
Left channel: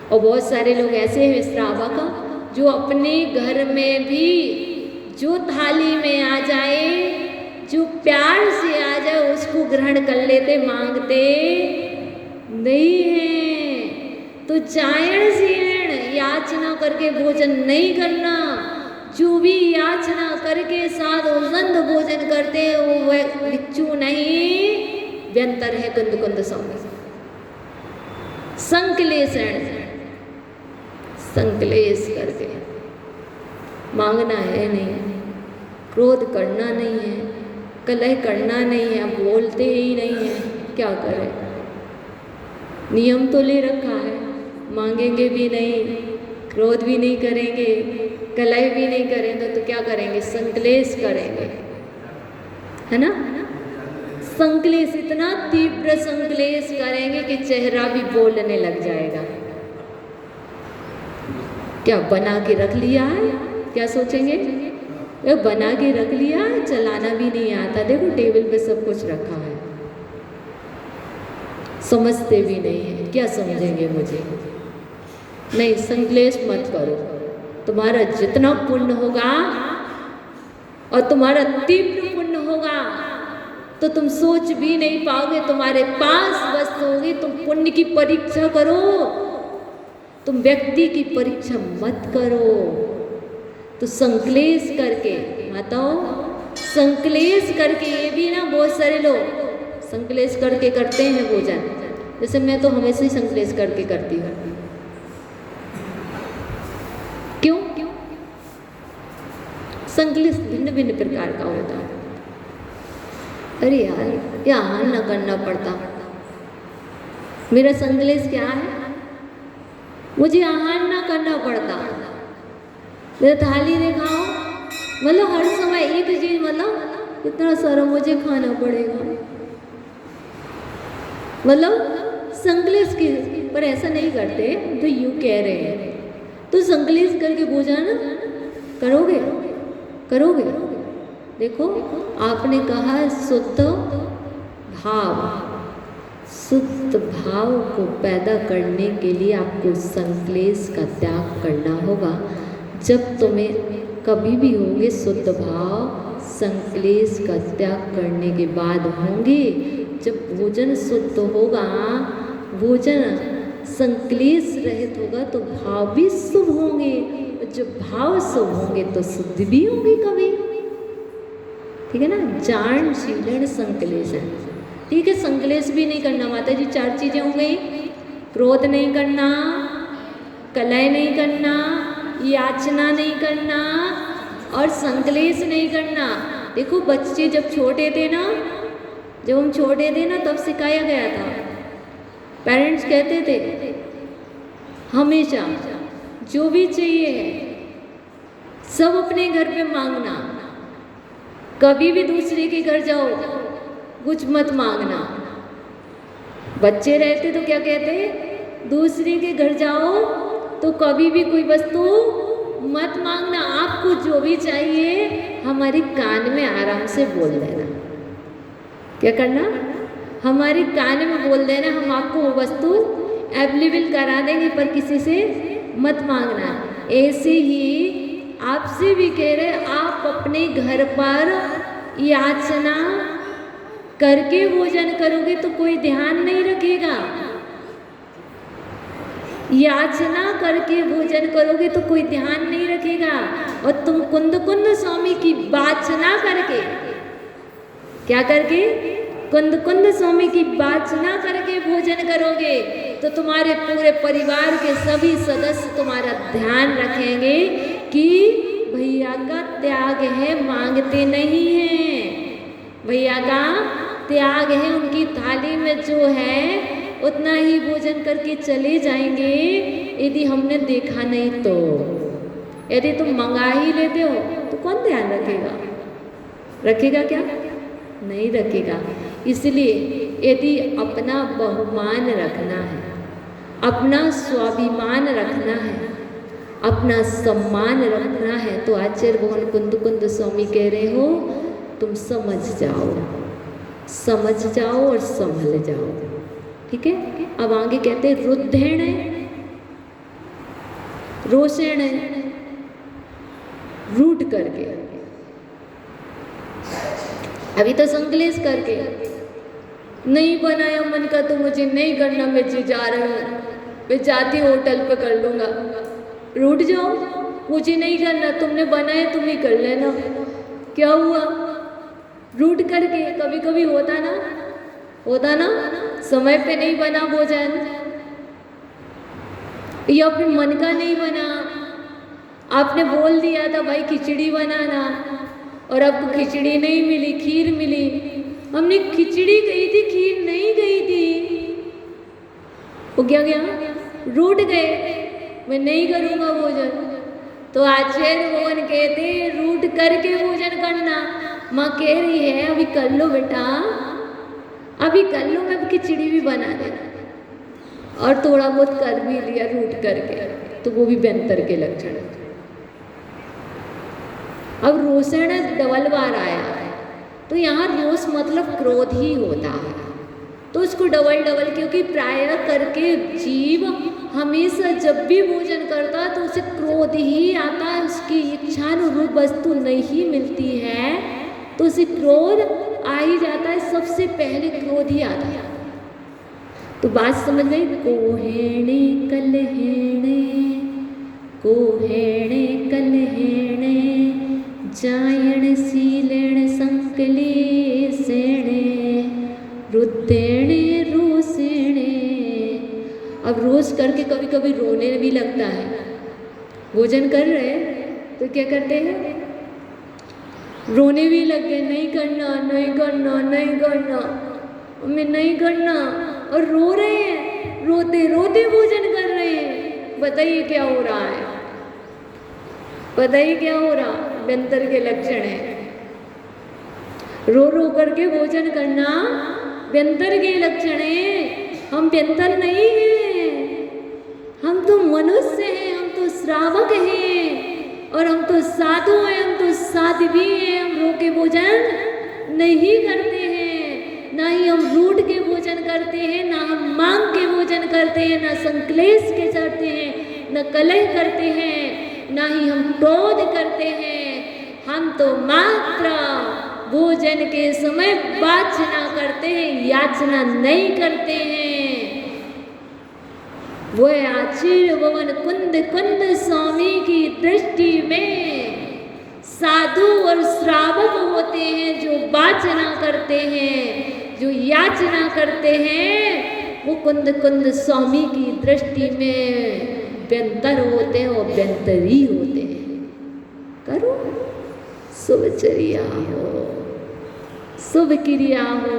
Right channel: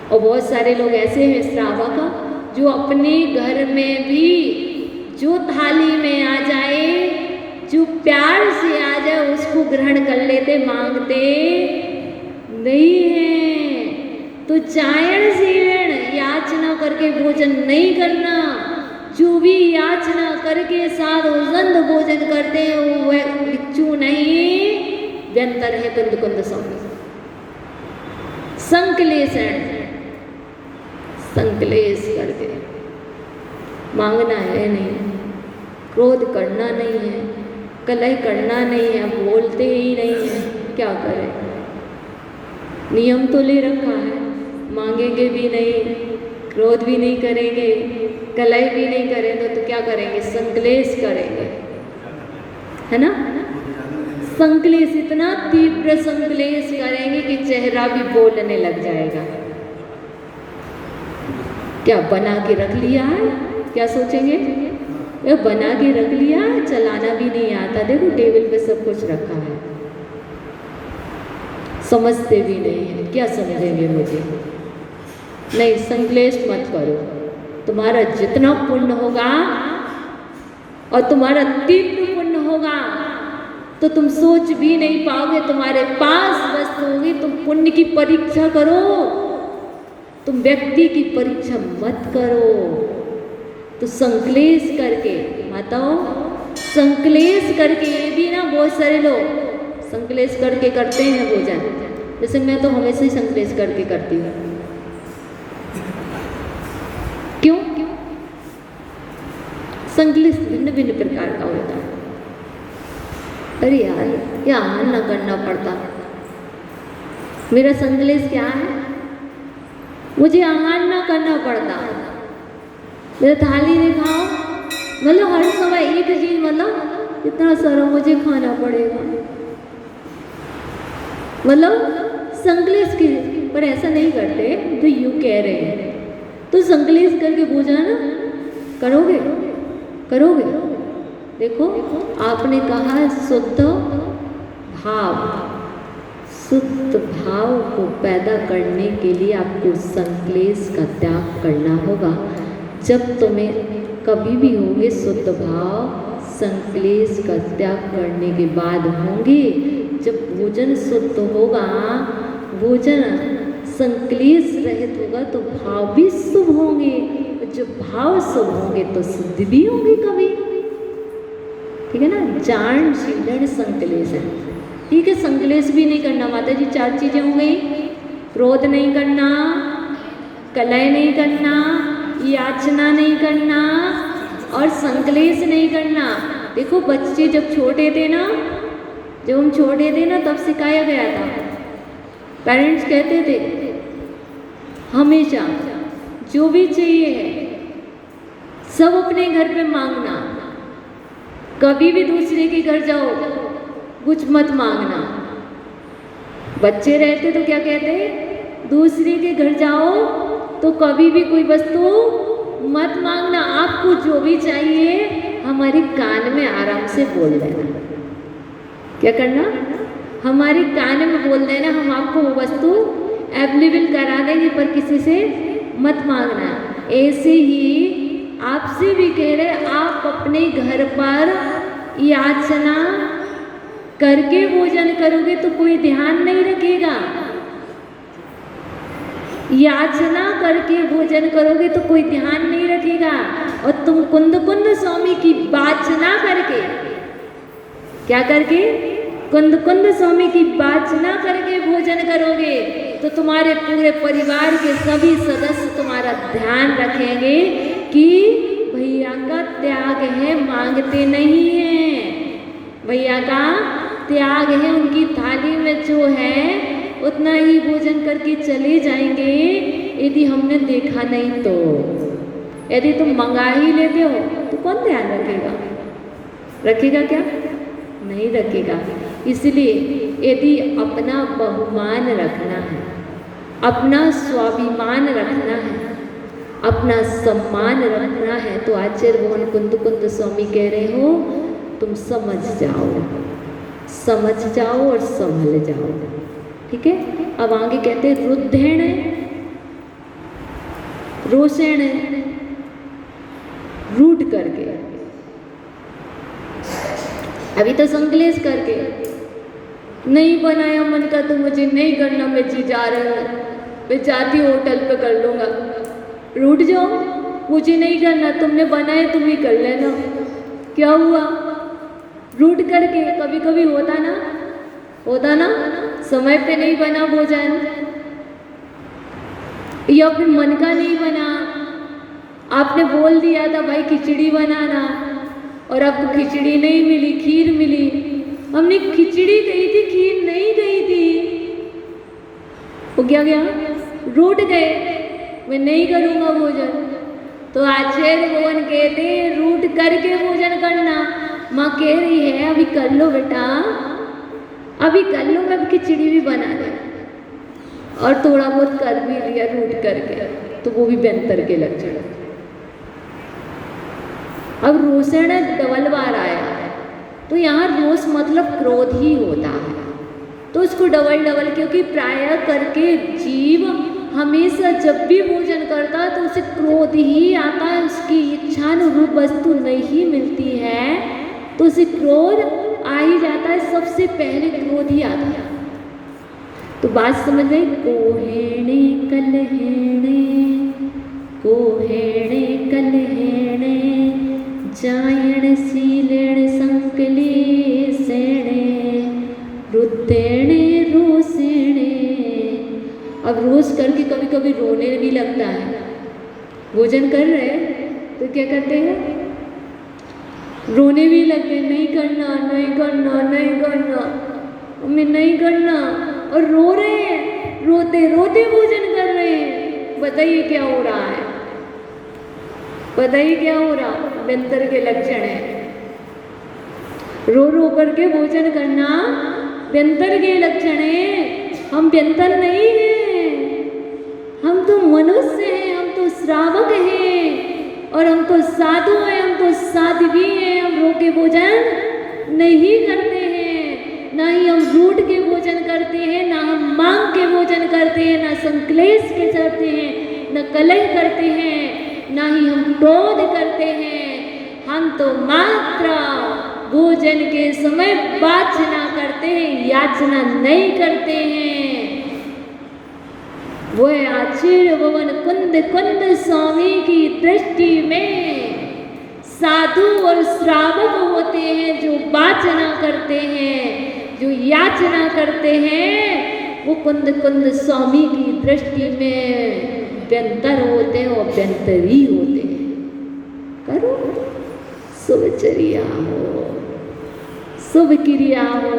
और बहुत सारे लोग ऐसे हैं श्रावक जो अपने घर में भी जो थाली में आ जाए, जो प्यार से आ जाए, उसको ग्रहण कर लेते, मांगते नहीं है। तो जायण सीलेण, याचना करके भोजन नहीं करना। जो भी याचना करके साधुसंध भोजन करते हैं वो भिक्षु नहीं, व्यंतर है, कुंद कुंद संकलेषण, संकलेश करके मांगना है नहीं, क्रोध करना नहीं है, कलह करना नहीं है, बोलते ही नहीं है। क्या करें, नियम तो ले रखा है, मांगेंगे भी नहीं, क्रोध भी नहीं करेंगे, कलह भी नहीं करेंगे, तो क्या करेंगे, संकलेश करेंगे, है ना। संकलेश, इतना तीव्र संकलेश करेंगे कि चेहरा भी बोलने लग जाएगा। क्या बना के रख लिया है, क्या सोचेंगे, ये बना के रख लिया, चलाना भी नहीं आता, देखो टेबल पे सब कुछ रखा है, समझते भी नहीं है, क्या समझेंगे मुझे। नहीं, संकलेश मत करो, तुम्हारा जितना पुण्य होगा और तुम्हारा तीव्र पुण्य होगा तो तुम सोच भी नहीं पाओगे। तुम्हारे पास वस्तु होगी, तुम पुण्य की परीक्षा करो, तुम व्यक्ति की परीक्षा मत करो। तो संकलेश करके, माताओं संकलेश करके, ये भी ना बहुत सारे लोग संकलेश करके करते हैं भोजन। जैसे मैं तो हमेशा ही संकलेश करके करती हूँ। क्यों? संकलेश भिन्न भिन्न प्रकार का होता है। अरे यार, ये आहार ना करना पड़ता। मेरा संकलेश क्या है, मुझे आहार ना करना पड़ता, मेरा थाली नहीं खाओ, मतलब हर समय एक चीज, मतलब इतना सारा मुझे खाना पड़ेगा, मतलब संकलेश की। पर ऐसा नहीं करते, तो यूँ कह रहे हैं तो संकलेश करके भोजन करोगे, करोगे। देखो आपने कहा शुद्ध भाव, शुद्ध भाव को पैदा करने के लिए आपको संकलेश का त्याग करना होगा। जब तुम्हें कभी भी होंगे शुद्ध भाव, संकलेश का त्याग करने के बाद होंगे। जब भोजन शुद्ध होगा, भोजन संकलेश रहित होगा, तो भाव भी शुभ होंगे, और जब भाव शुभ होंगे तो शुद्ध भी होंगे कभी। ठीक है ना, जान शीलन संकलेश है। ठीक है, संकलेश भी नहीं करना। माता जी 4 चीजें हो गई, क्रोध नहीं करना, कलह नहीं करना, याचना नहीं करना और संकलेश नहीं करना। देखो बच्चे जब छोटे थे ना, जब हम छोटे थे ना, तब सिखाया गया था। पेरेंट्स कहते थे हमेशा जो भी चाहिए है सब अपने घर पे मांगना, कभी भी दूसरे के घर जाओ कुछ मत मांगना। बच्चे रहते तो क्या कहते, दूसरे के घर जाओ तो कभी भी कोई वस्तु मत मांगना। आपको जो भी चाहिए हमारे कान में आराम से बोल देना। क्या करना? हमारे कान में बोल देना, हम आपको वो वस्तु अवेलेबल करा देंगे, पर किसी से मत मांगना। ऐसे ही आपसे भी कह रहे, आप अपने घर पर याचना करके भोजन करोगे तो कोई ध्यान नहीं रखेगा। याचना करके भोजन करोगे तो कोई ध्यान नहीं रखेगा। और तुम कुंद कुंद स्वामी की वाचना करके, क्या करके? कुंद कुंद स्वामी की वाचना करके भोजन करोगे तो तुम्हारे पूरे परिवार के सभी सदस्य तुम्हारा ध्यान रखेंगे कि भैया का त्याग है, मांगते नहीं है। भैया का त्याग है, उनकी थाली में जो है उतना ही भोजन करके चले जाएंगे। यदि हमने देखा नहीं तो, यदि तुम मंगा ही लेते हो तो कौन ध्यान रखेगा? रखेगा क्या? नहीं रखेगा। इसलिए यदि अपना बहुमान रखना है, अपना स्वाभिमान रखना है, अपना सम्मान रखना है, तो आचार्य भगवान कुंद कुंद स्वामी कह रहे हो तुम समझ जाओ, समझ जाओ और संभल जाओ। ठीक है। अब आगे कहते हैं रुद्धेण, रोषेण, रूठ करके, अभी तो संकलेश करके, नहीं बनाया मन का तो मुझे नहीं करना, मैं जी जा रही हूँ, मैं जाती होटल पे कर लूँगा। रूठ जाओ, मुझे नहीं करना, तुमने बनाया तुम ही कर लेना। क्या हुआ? रूठ करके कभी कभी होता ना, होता ना, समय पे नहीं बना भोजन, या फिर मन का नहीं बना। आपने बोल दिया था भाई खिचड़ी बनाना, और आपको खिचड़ी नहीं मिली, खीर मिली। हमने खिचड़ी गई थी, खीर नहीं गई थी, वो क्या गया? रूठ गए, मैं नहीं करूँगा भोजन। तो आचार्य भगवान कहते हैं रूठ करके भोजन करना। माँ कह रही है अभी कर लो बेटा, अभी कर लो, मैं खिचड़ी भी बना दे, और थोड़ा बहुत कर भी लिया रूठ करके, तो वो भी बेहतर के लक्षण। अब रोषण डबल बार आया है, तो यहाँ रोष मतलब क्रोध ही होता है, तो उसको डबल डबल, क्योंकि प्राय करके जीव हमेशा जब भी भोजन करता है तो उसे क्रोध ही आता है, उसकी इच्छानुरूप वस्तु नहीं मिलती है तो उसे क्रोध आ ही जाता है, सबसे पहले क्रोध ही आता है। तो बात समझ गई? कोहेणे कलहेणे, कोहेणे कलहेणे, जायण सीलेण संकलेशेणे, रुद्धेणे रोषेणे। अब रोष करके कभी कभी रोने भी लगता है। भोजन कर रहे हैं तो क्या करते हैं? रोने भी लगते, नहीं करना, नहीं करना, नहीं करना, हमें नहीं करना, और रो रहे हैं, रोते रोते भोजन कर रहे हैं। बताइए क्या हो रहा है? बताइए क्या हो रहा? व्यंतर के लक्षण है। रो रो करके भोजन करना व्यंतर के लक्षण है। हम व्यंतर नहीं हैं, हम तो मनुष्य हैं, हम तो श्रावक हैं, और हम तो साधु हैं, हम तो साध्वी हैं। हम रो के भोजन नहीं करते हैं, ना ही हम रूठ के भोजन करते हैं, ना हम मांग के भोजन करते हैं, ना संकलेश के करते हैं, न कलह करते हैं, ना ही हम क्रोध करते हैं। हम तो मात्र भोजन के समय वाचना करते हैं, याचना नहीं करते हैं। वो आचार्य भगवान कुंद कुंद स्वामी की दृष्टि में साधु और श्रावक होते हैं, जो वाचना करते हैं, जो याचना करते हैं, वो कुंद कुंद स्वामी की दृष्टि में व्यंतर होते हैं और व्यंतरी होते हैं। करो शुभचर्या हो, शुभ क्रिया हो,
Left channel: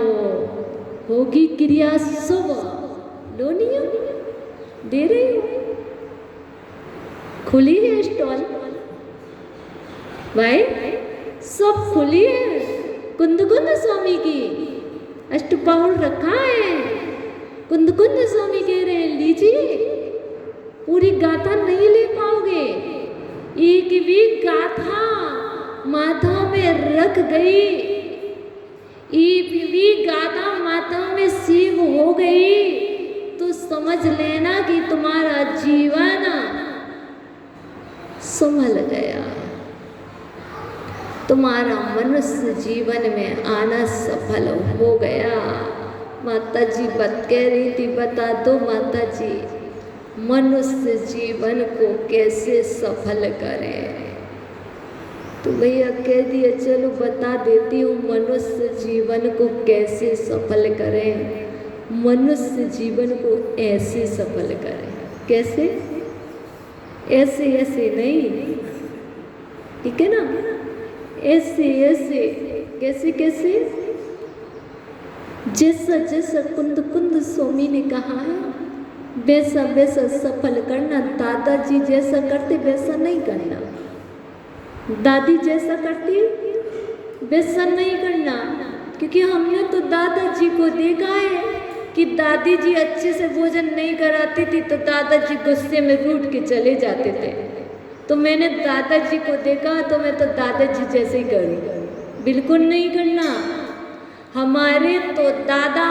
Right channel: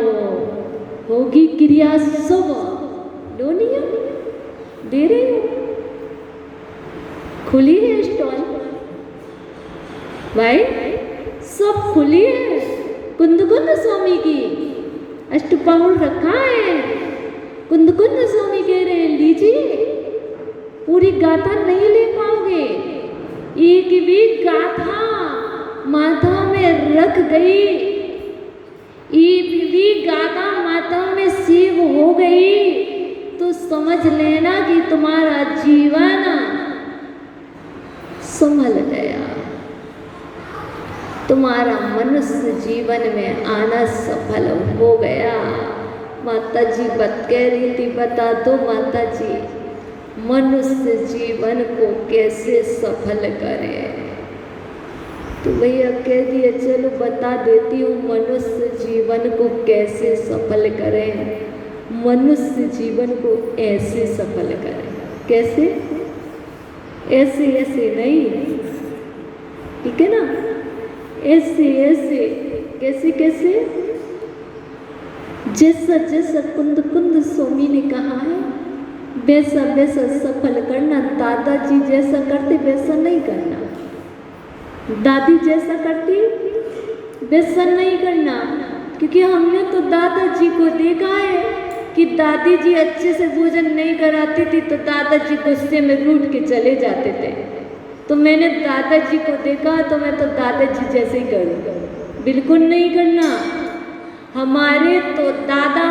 होगी क्रिया शुभ। लो नियम दे रहे हो, खुली है स्टॉल भाई, सब खुली है। कुंद कुंद स्वामी की अष्टपाउल रखा है, कुंद कुंद स्वामी कह रहे हैं लीजिए। पूरी गाथा नहीं ले पाओगे। एक भी गाथा माथा में रख गई, एक भी गाथा माथा में सेव हो गई तो समझ लेना कि तुम्हारा जीवन संभल गया, तुम्हारा मनुष्य जीवन में आना सफल हो गया। माता जी बात कह रही थी, बता दो माता जी मनुष्य जीवन को कैसे सफल करें। तो भैया कह दिया चलो बता देती हूँ मनुष्य जीवन को कैसे सफल करें। मनुष्य जीवन को ऐसे सफल करें। कैसे? ऐसे ऐसे नहीं, ठीक है ना? ऐसे ऐसे कैसे कैसे? जैसा जैसा कुंद कुंद स्वामी ने कहा है वैसा वैसा सफल करना। दादाजी जैसा करते वैसा नहीं करना, दादी जैसा करती वैसा नहीं करना। क्योंकि हमने तो दादाजी को देखा है कि दादी जी अच्छे से भोजन नहीं कराती थी तो दादाजी गुस्से में रूठ के चले जाते थे। तो मैंने दादाजी को देखा तो मैं तो दादाजी जैसे ही करूँगा, बिल्कुल नहीं करना। हमारे तो दादा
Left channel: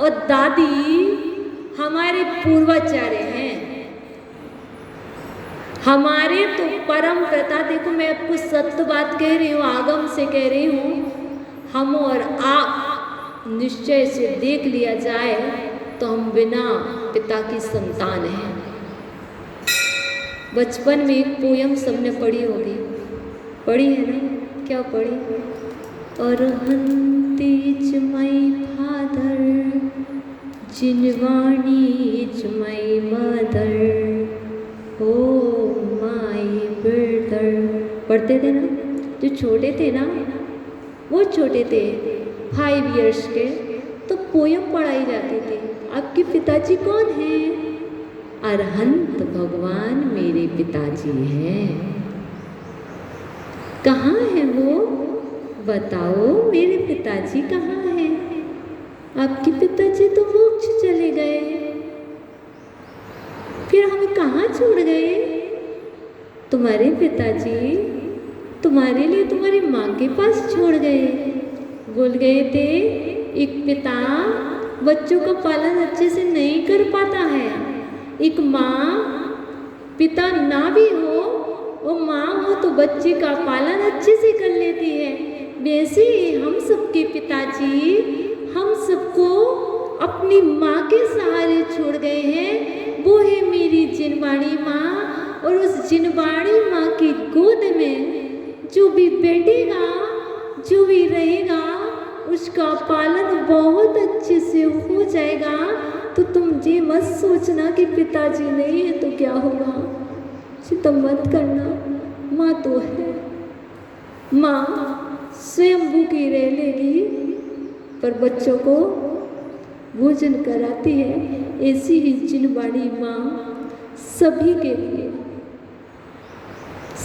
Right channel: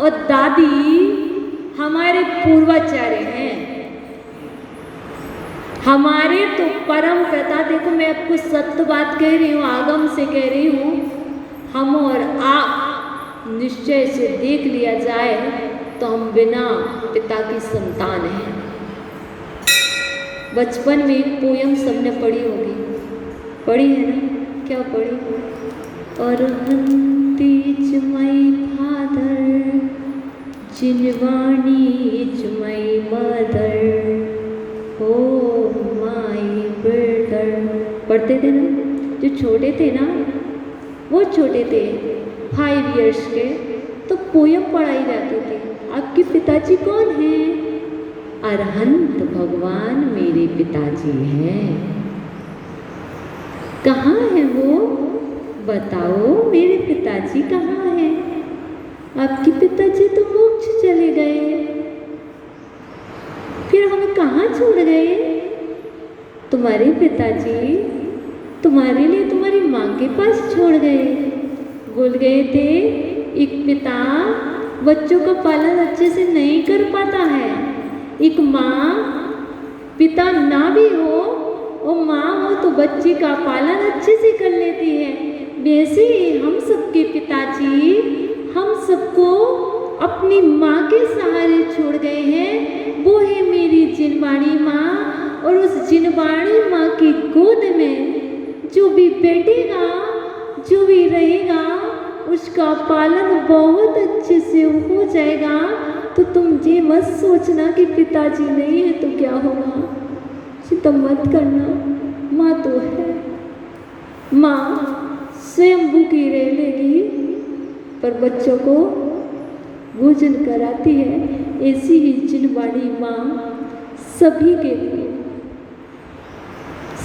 और दादी हमारे पूर्वाचार्य हैं, हमारे तो परम पिता। देखो मैं आपको सत्य बात कह रही हूँ, आगम से कह रही हूँ। हम और आप निश्चय से देख लिया जाए तो हम बिना पिता की संतान हैं। बचपन में एक पोयम सबने पढ़ी होगी, पढ़ी है ना? क्या पढ़ी? Arhanti is my father, Jinvani is my mother, oh my brother. पढ़ते थे ना? जो छोटे थे ना, वो छोटे थे 5 इयर्स के, तो पोयम पढ़ाई जाती थी। आपके पिताजी कौन हैं? अरहंत भगवान मेरे पिताजी हैं। कहाँ है वो? बताओ मेरे पिताजी कहाँ हैं? आपके पिताजी तो मोक्ष चले गए, फिर हमें कहाँ छोड़ गए? तुम्हारे पिताजी तुम्हारे लिए तुम्हारी माँ के पास छोड़ गए। बोल गए थे एक पिता बच्चों का पालन अच्छे से नहीं कर पाता है। एक माँ पिता ना भी हो, वो माँ हो तो बच्चे का पालन अच्छे से कर लेती है। वैसे ही हम सबके पिताजी हम सबको अपनी माँ के सहारे छोड़ गए हैं। वो है मेरी जिनवाणी माँ, और उस जिनवाणी माँ की गोद में जो भी बैठेगा, जो भी रहेगा, उसका पालन बहुत अच्छे से हो जाएगा। तो तुम ये मत सोचना कि पिताजी नहीं है तो क्या होगा, चिंता मत करना। माँ तो है, माँ स्वयं भूखी रह लेगी पर बच्चों को भोजन कराती है। ऐसी ही जिनवाणी माँ सभी के लिए,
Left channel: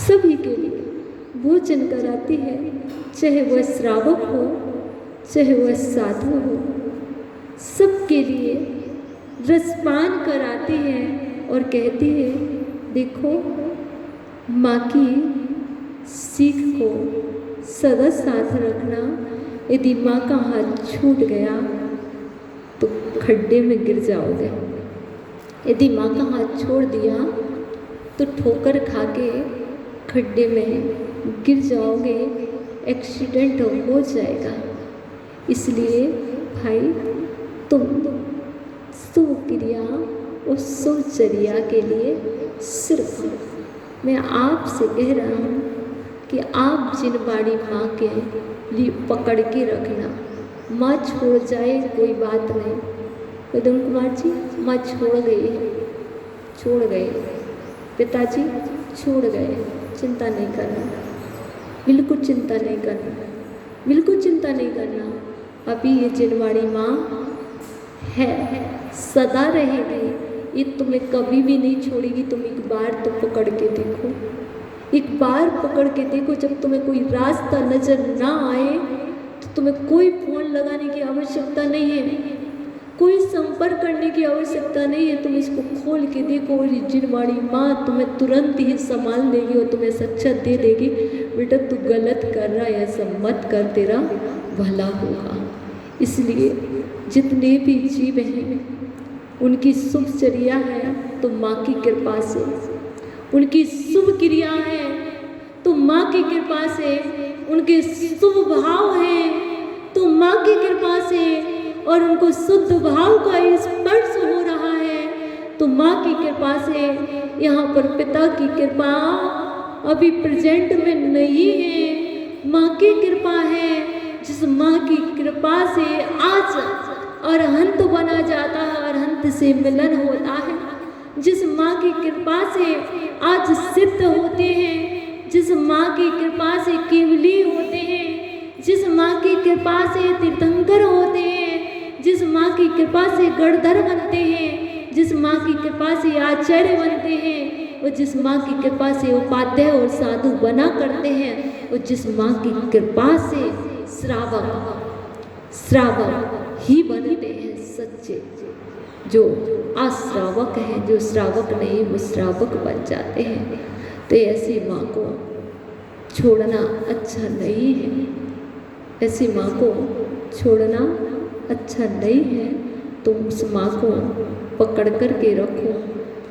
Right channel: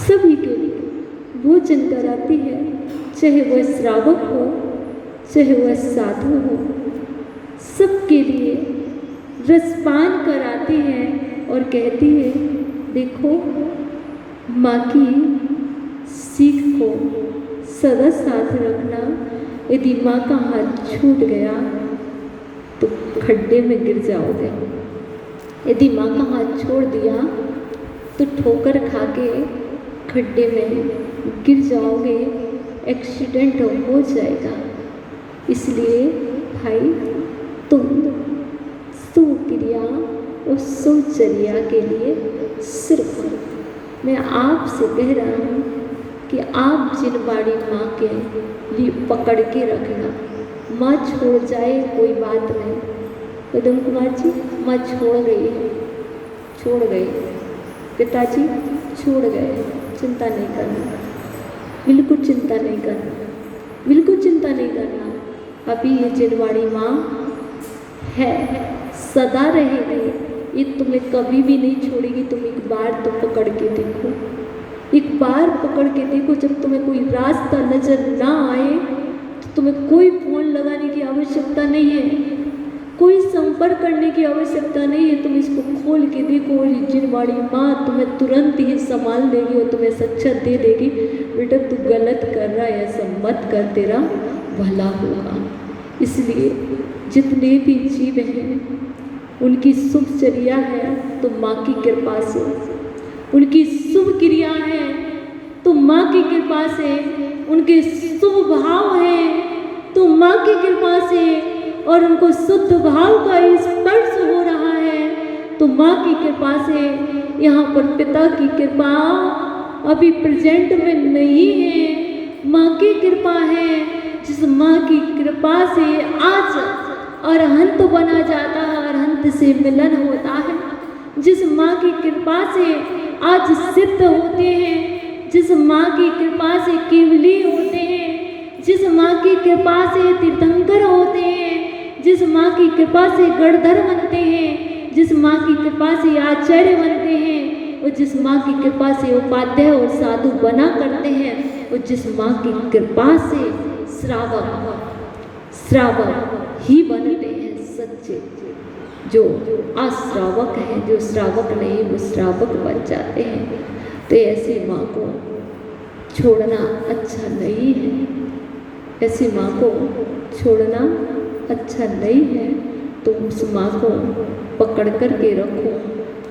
सभी के लिए भोजन कराती है, चाहे वह श्रावक हो चाहे वह साधु हो, सबके लिए रसपान कराती है और कहती है देखो माँ की सीख को सदा साथ रखना। यदि माँ का हाथ छूट गया तो खड्डे में गिर जाओगे, यदि माँ का हाथ छोड़ दिया तो ठोकर खा के खड्डे में गिर जाओगे, एक्सीडेंट हो जाएगा। इसलिए भाई तुम सुक्रिया और सुचर्या के लिए सिर्फ मैं आपसे कह रहा हूँ कि आप जिनवाणी माँ के लिए पकड़ के रखना। माँ छोड़ जाए कोई बात नहीं। उदम कुमार जी माँ छोड़ गई है, छोड़ गए, पिताजी छोड़ गए, चिंता नहीं करना, बिल्कुल चिंता नहीं करना, बिल्कुल चिंता नहीं करना। अभी ये जिनवाणी माँ है, सदा रहेगी, ये तुम्हें कभी भी नहीं छोड़ेगी। तुम एक बार तो पकड़ के देखो, एक बार पकड़ के देखो। जब तुम्हें कोई रास्ता नजर ना आए तो तुम्हें कोई फोन लगाने की आवश्यकता नहीं है। कोई संपर्क करने की आवश्यकता नहीं है। तुम इसको खोल के देखो, जिनवाणी माँ तुम्हें तुरंत ही संभाल देगी और तुम्हें सच्चा दे देगी। बेटा तू गलत कर रहा है, ऐसा मत कर, तेरा भला होगा। इसलिए जितने भी जीव हैं उनकी शुभ चर्या है तो माँ की कृपा से, उनकी शुभ क्रिया है तो माँ की कृपा से, उनके शुभ भाव है तो माँ की कृपा से, और उनको शुद्ध भाव का स्पर्श हो रहा है तो माँ की कृपा से। यहाँ पर पिता की कृपा अभी प्रेजेंट में नहीं है, माँ की कृपा है। जिस माँ की कृपा से आज अरहंत बना जाता है, अरहंत से मिलन होता है। जिस माँ की कृपा से आज सिद्ध होते हैं, जिस माँ की कृपा से केवली होते हैं, जिस माँ की कृपा से तीर्थंकर होते हैं, जिस माँ की कृपा से गणधर बनते हैं, जिस माँ की कृपा से आचार्य बनते हैं, और जिस माँ की कृपा से उपाध्याय और साधु बना करते हैं, और जिस माँ की कृपा से श्रावक ही बनते हैं सच्चे। जो अश्रावक हैं, जो श्रावक नहीं वो श्रावक बन जाते हैं। तो ऐसी माँ को छोड़ना अच्छा नहीं है, ऐसी माँ को छोड़ना अच्छा नहीं है। तुम उस माँ को पकड़ कर के रखो।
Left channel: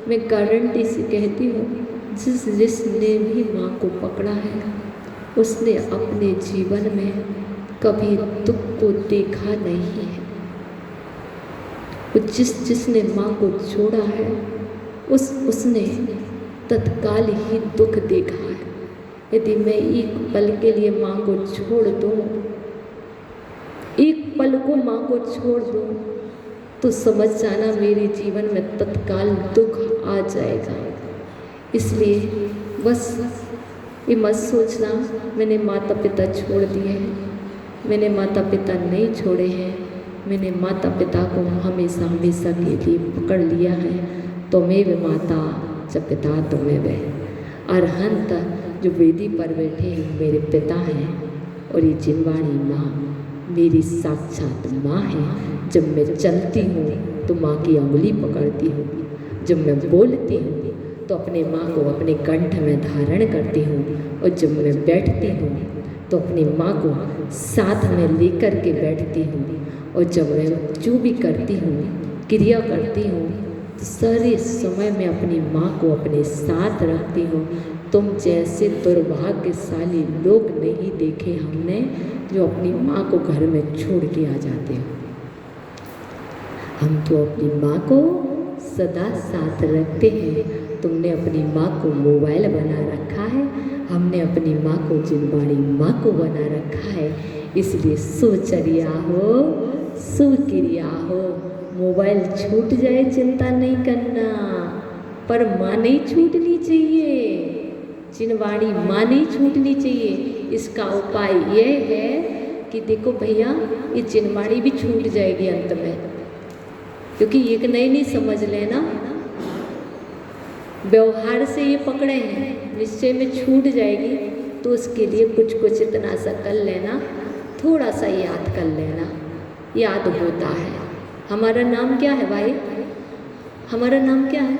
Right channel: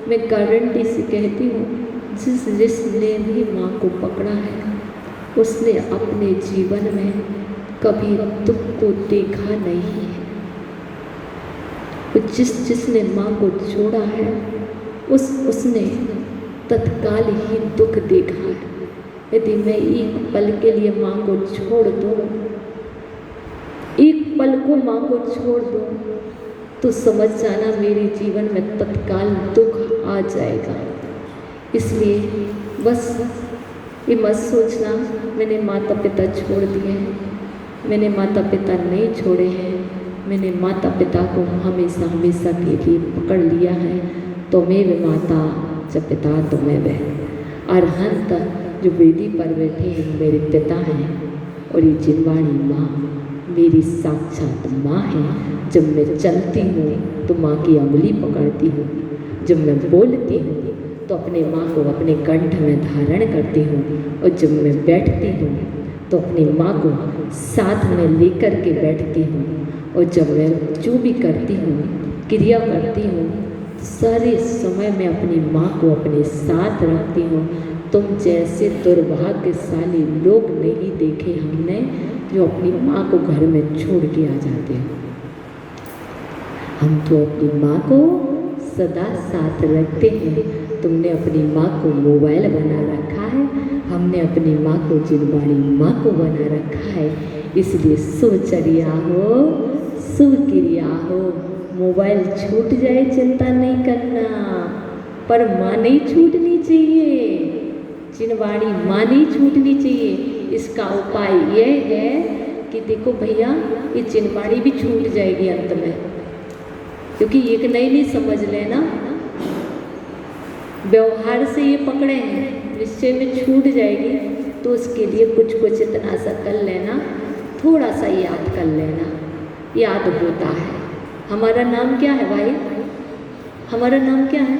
मैं गारंटी से कहती हूँ, जिसने भी माँ को पकड़ा है उसने अपने जीवन में कभी दुख को देखा नहीं है। जिसने माँ को छोड़ा है उसने तत्काल ही दुख देखा है। यदि मैं एक पल के लिए माँ को छोड़ दूँ, एक पल को माँ को छोड़ दूँ, तो समझ जाना मेरे जीवन में तत्काल दुख आ जाएगा। इसलिए बस ये मत सोचना मैंने माता पिता छोड़ दिए हैं। मैंने माता पिता नहीं छोड़े हैं, मैंने माता पिता को हमेशा हमेशा के लिए पकड़ लिया है। त्वमेव माता च पिता त्वमेव। अरहंत जो वेदी पर बैठे हैं मेरे पिता हैं, और ये जिनवाणी माँ मेरी साक्षात माँ है। जब मैं चलती हूँ तो माँ की उंगली पकड़ती हूँ, जब मैं बोलती हूँ तो अपने माँ को अपने कंठ में धारण करती हूँ, और जब मैं बैठती हूँ तो अपनी माँ को साथ में लेकर के बैठती हूँ, और जब मैं जो भी करती हूँ क्रिया करती हूँ तो सारे समय में अपनी माँ को अपने साथ रखती हूँ। तुम जैसे दुर्भाग्यशाली लोग नहीं देखे हमने जो अपनी माँ को घर में छोड़ के आ जाते हैं। हम तो अपनी माँ को सदा साथ रखते हैं। तुमने अपनी माँ को मोबाइल बना रखा है, हमने अपनी माँ को जिनवाणी माँ को बना रखा है। इसलिए सुचर्या हो, सुक्रिया हो। मोबाइल छूट जाए चिंता नहीं करना, पर माँ नहीं छूटनी चाहिए, जिनवाणी माँ नहीं छूटनी चाहिए। इसका उपाय यह है कि देखो भैया, ये जिनवाणी भी छूट जाएगी अंत में, क्योंकि एक नहीं समझ लेना, व्यवहार से ये पकड़े हैं, निश्चय में छूट जाएगी। तो उसके लिए कुछ इतना सा कर लेना, थोड़ा सा याद कर लेना, याद होता है। हमारा नाम क्या है भाई? हमारा नाम क्या है?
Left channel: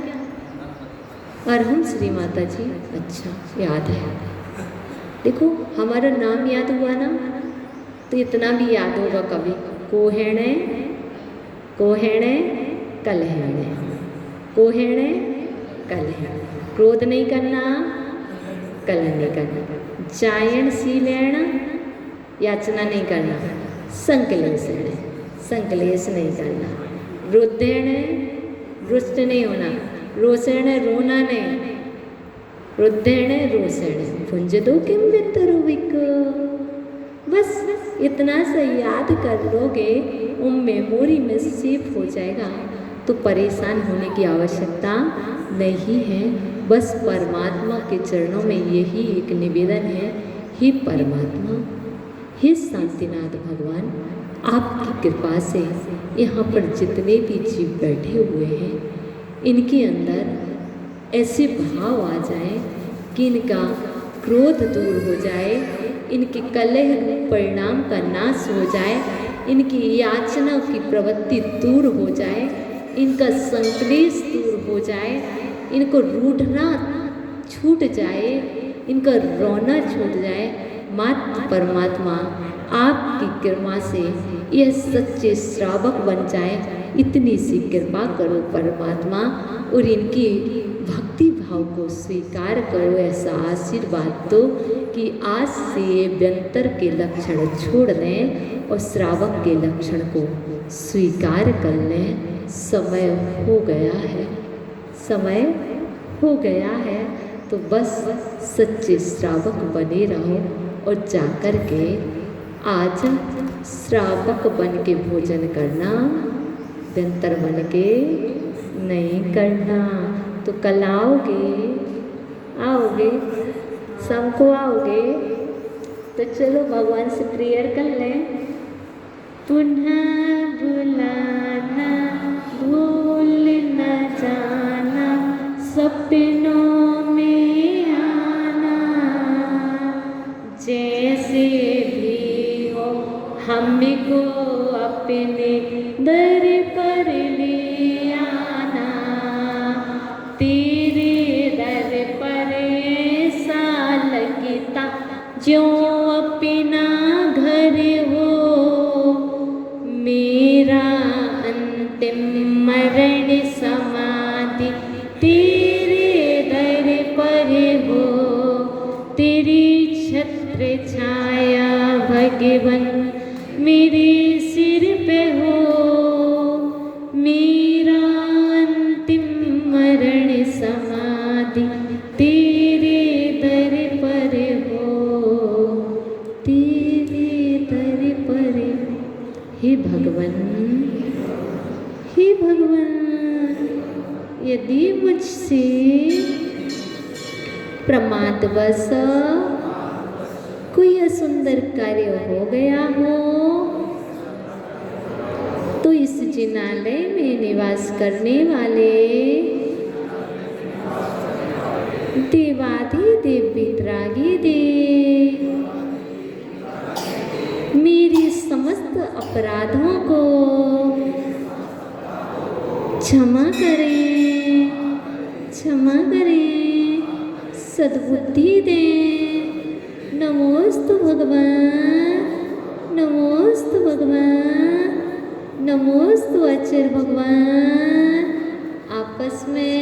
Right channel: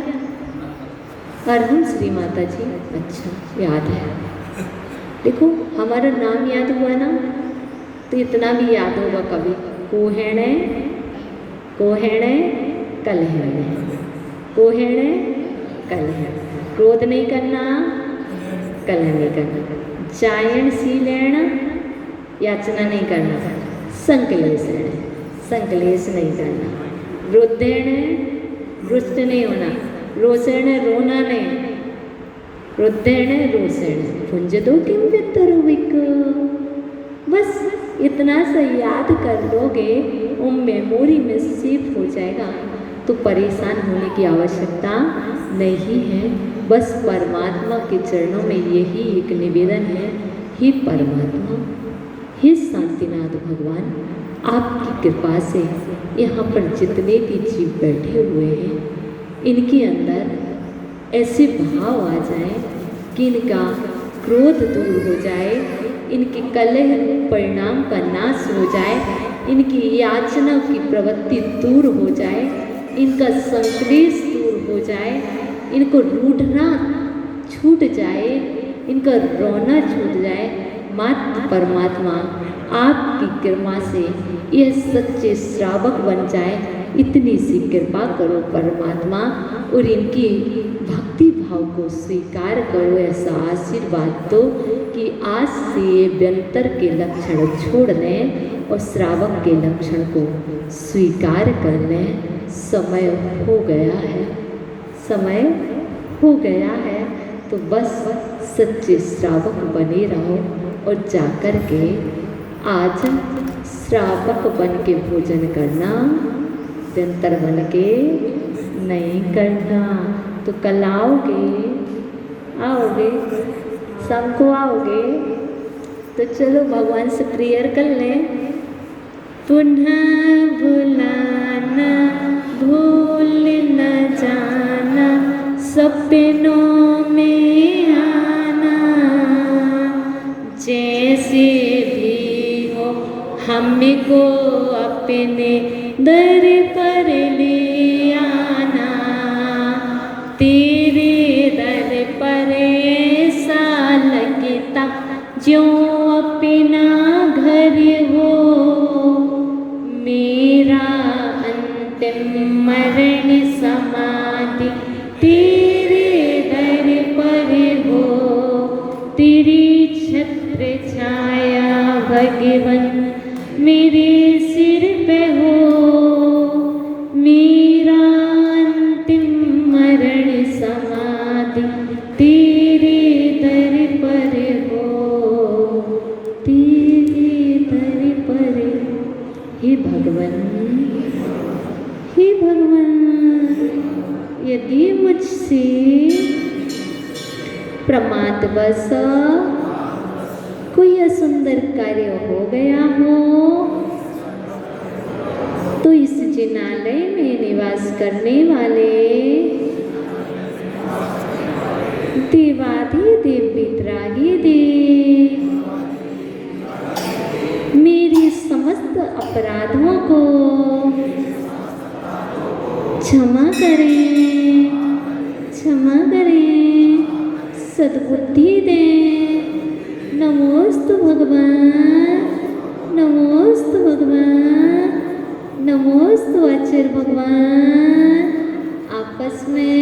अरहंत श्री माता जी। अच्छा, याद है। देखो हमारा नाम याद हुआ ना, तो इतना भी याद होगा कभी। कोहेणे कोहेणे कलहेणे, कोहेणे कलहेणे। क्रोध नहीं करना, कलह नहीं करना, जायण शीलेण याचना नहीं करना, संकलेशेण संकलेश नहीं करना, रुद्धेण रुष्ट नहीं होना, रोषेण रोना नहीं, रुद्धेण रोषेण भुंजतो किम वित्तरुविक। बस इतना सा याद कर लोगे, वो मेमोरी में सेव हो जाएगा, तो परेशान होने की आवश्यकता नहीं है। बस परमात्मा के चरणों में यही एक निवेदन है, हे परमात्मा, हे शांतिनाथ भगवान, आपकी कृपा से यहाँ पर जितने भी जीव बैठे हुए हैं, इनके अंदर ऐसे भाव आ जाए कि इनका क्रोध दूर हो जाए, इनके कलह परिणाम का नाश हो जाए, इनकी याचना की प्रवृत्ति दूर हो जाए, इनका संक्लेश दूर हो जाए, इनको रूठना छूट जाए, इनका रोना छूट जाए। मात्र परमात्मा आपकी कृपा से यह सच्चे श्रावक बन जाए, इतनी सी कृपा करो परमात्मा, और इनकी भक्ति भाव को स्वीकार करो। ऐसा आशीर्वाद दो कि आज से ये व्यंतर के लक्षण छोड़ लें और श्रावक के लक्षण को स्वीकार कर लें। समय हो गया है, समय हो गया है, तो बस सच्चे श्रावक बने रहो और जाकर के आज श्रावक बन के भोजन करना, व्यंतर बन के नहीं करना। तो कल आओगे, आओगे, शाम को आओगे, तो चलो भगवान से प्रेयर कर लें। पुनः बुलाना भूल न जाना, सपनों में आना, जैसे भी हो हमको अपने दर पर ले आना। तेरे दर पर ऐसा लगता जो अपना घर हो, मेरा अंतिम मरण समाधि तेरे दर पर हो। तेरी छत्र छाया भगवन मेरे सिर पे हो, मेरा अंतिम मरण समाधि तेरे दर पर हो, तेरे दर पर। हे भगवान, हे भगवान, यदि मुझसे प्रमादवश कोई असुंदर कार्य हो गया हो, तो इस जिनालय में निवास करने वाले देवाधिदेव वितरागी देव मेरी समस्त अपराधों को क्षमा करें, क्षमा करें, सद्बुद्धि दें। नमोस्तु भगवान, नमोस्तु भगवान, नमोस्तु अचर भगवान। आपस में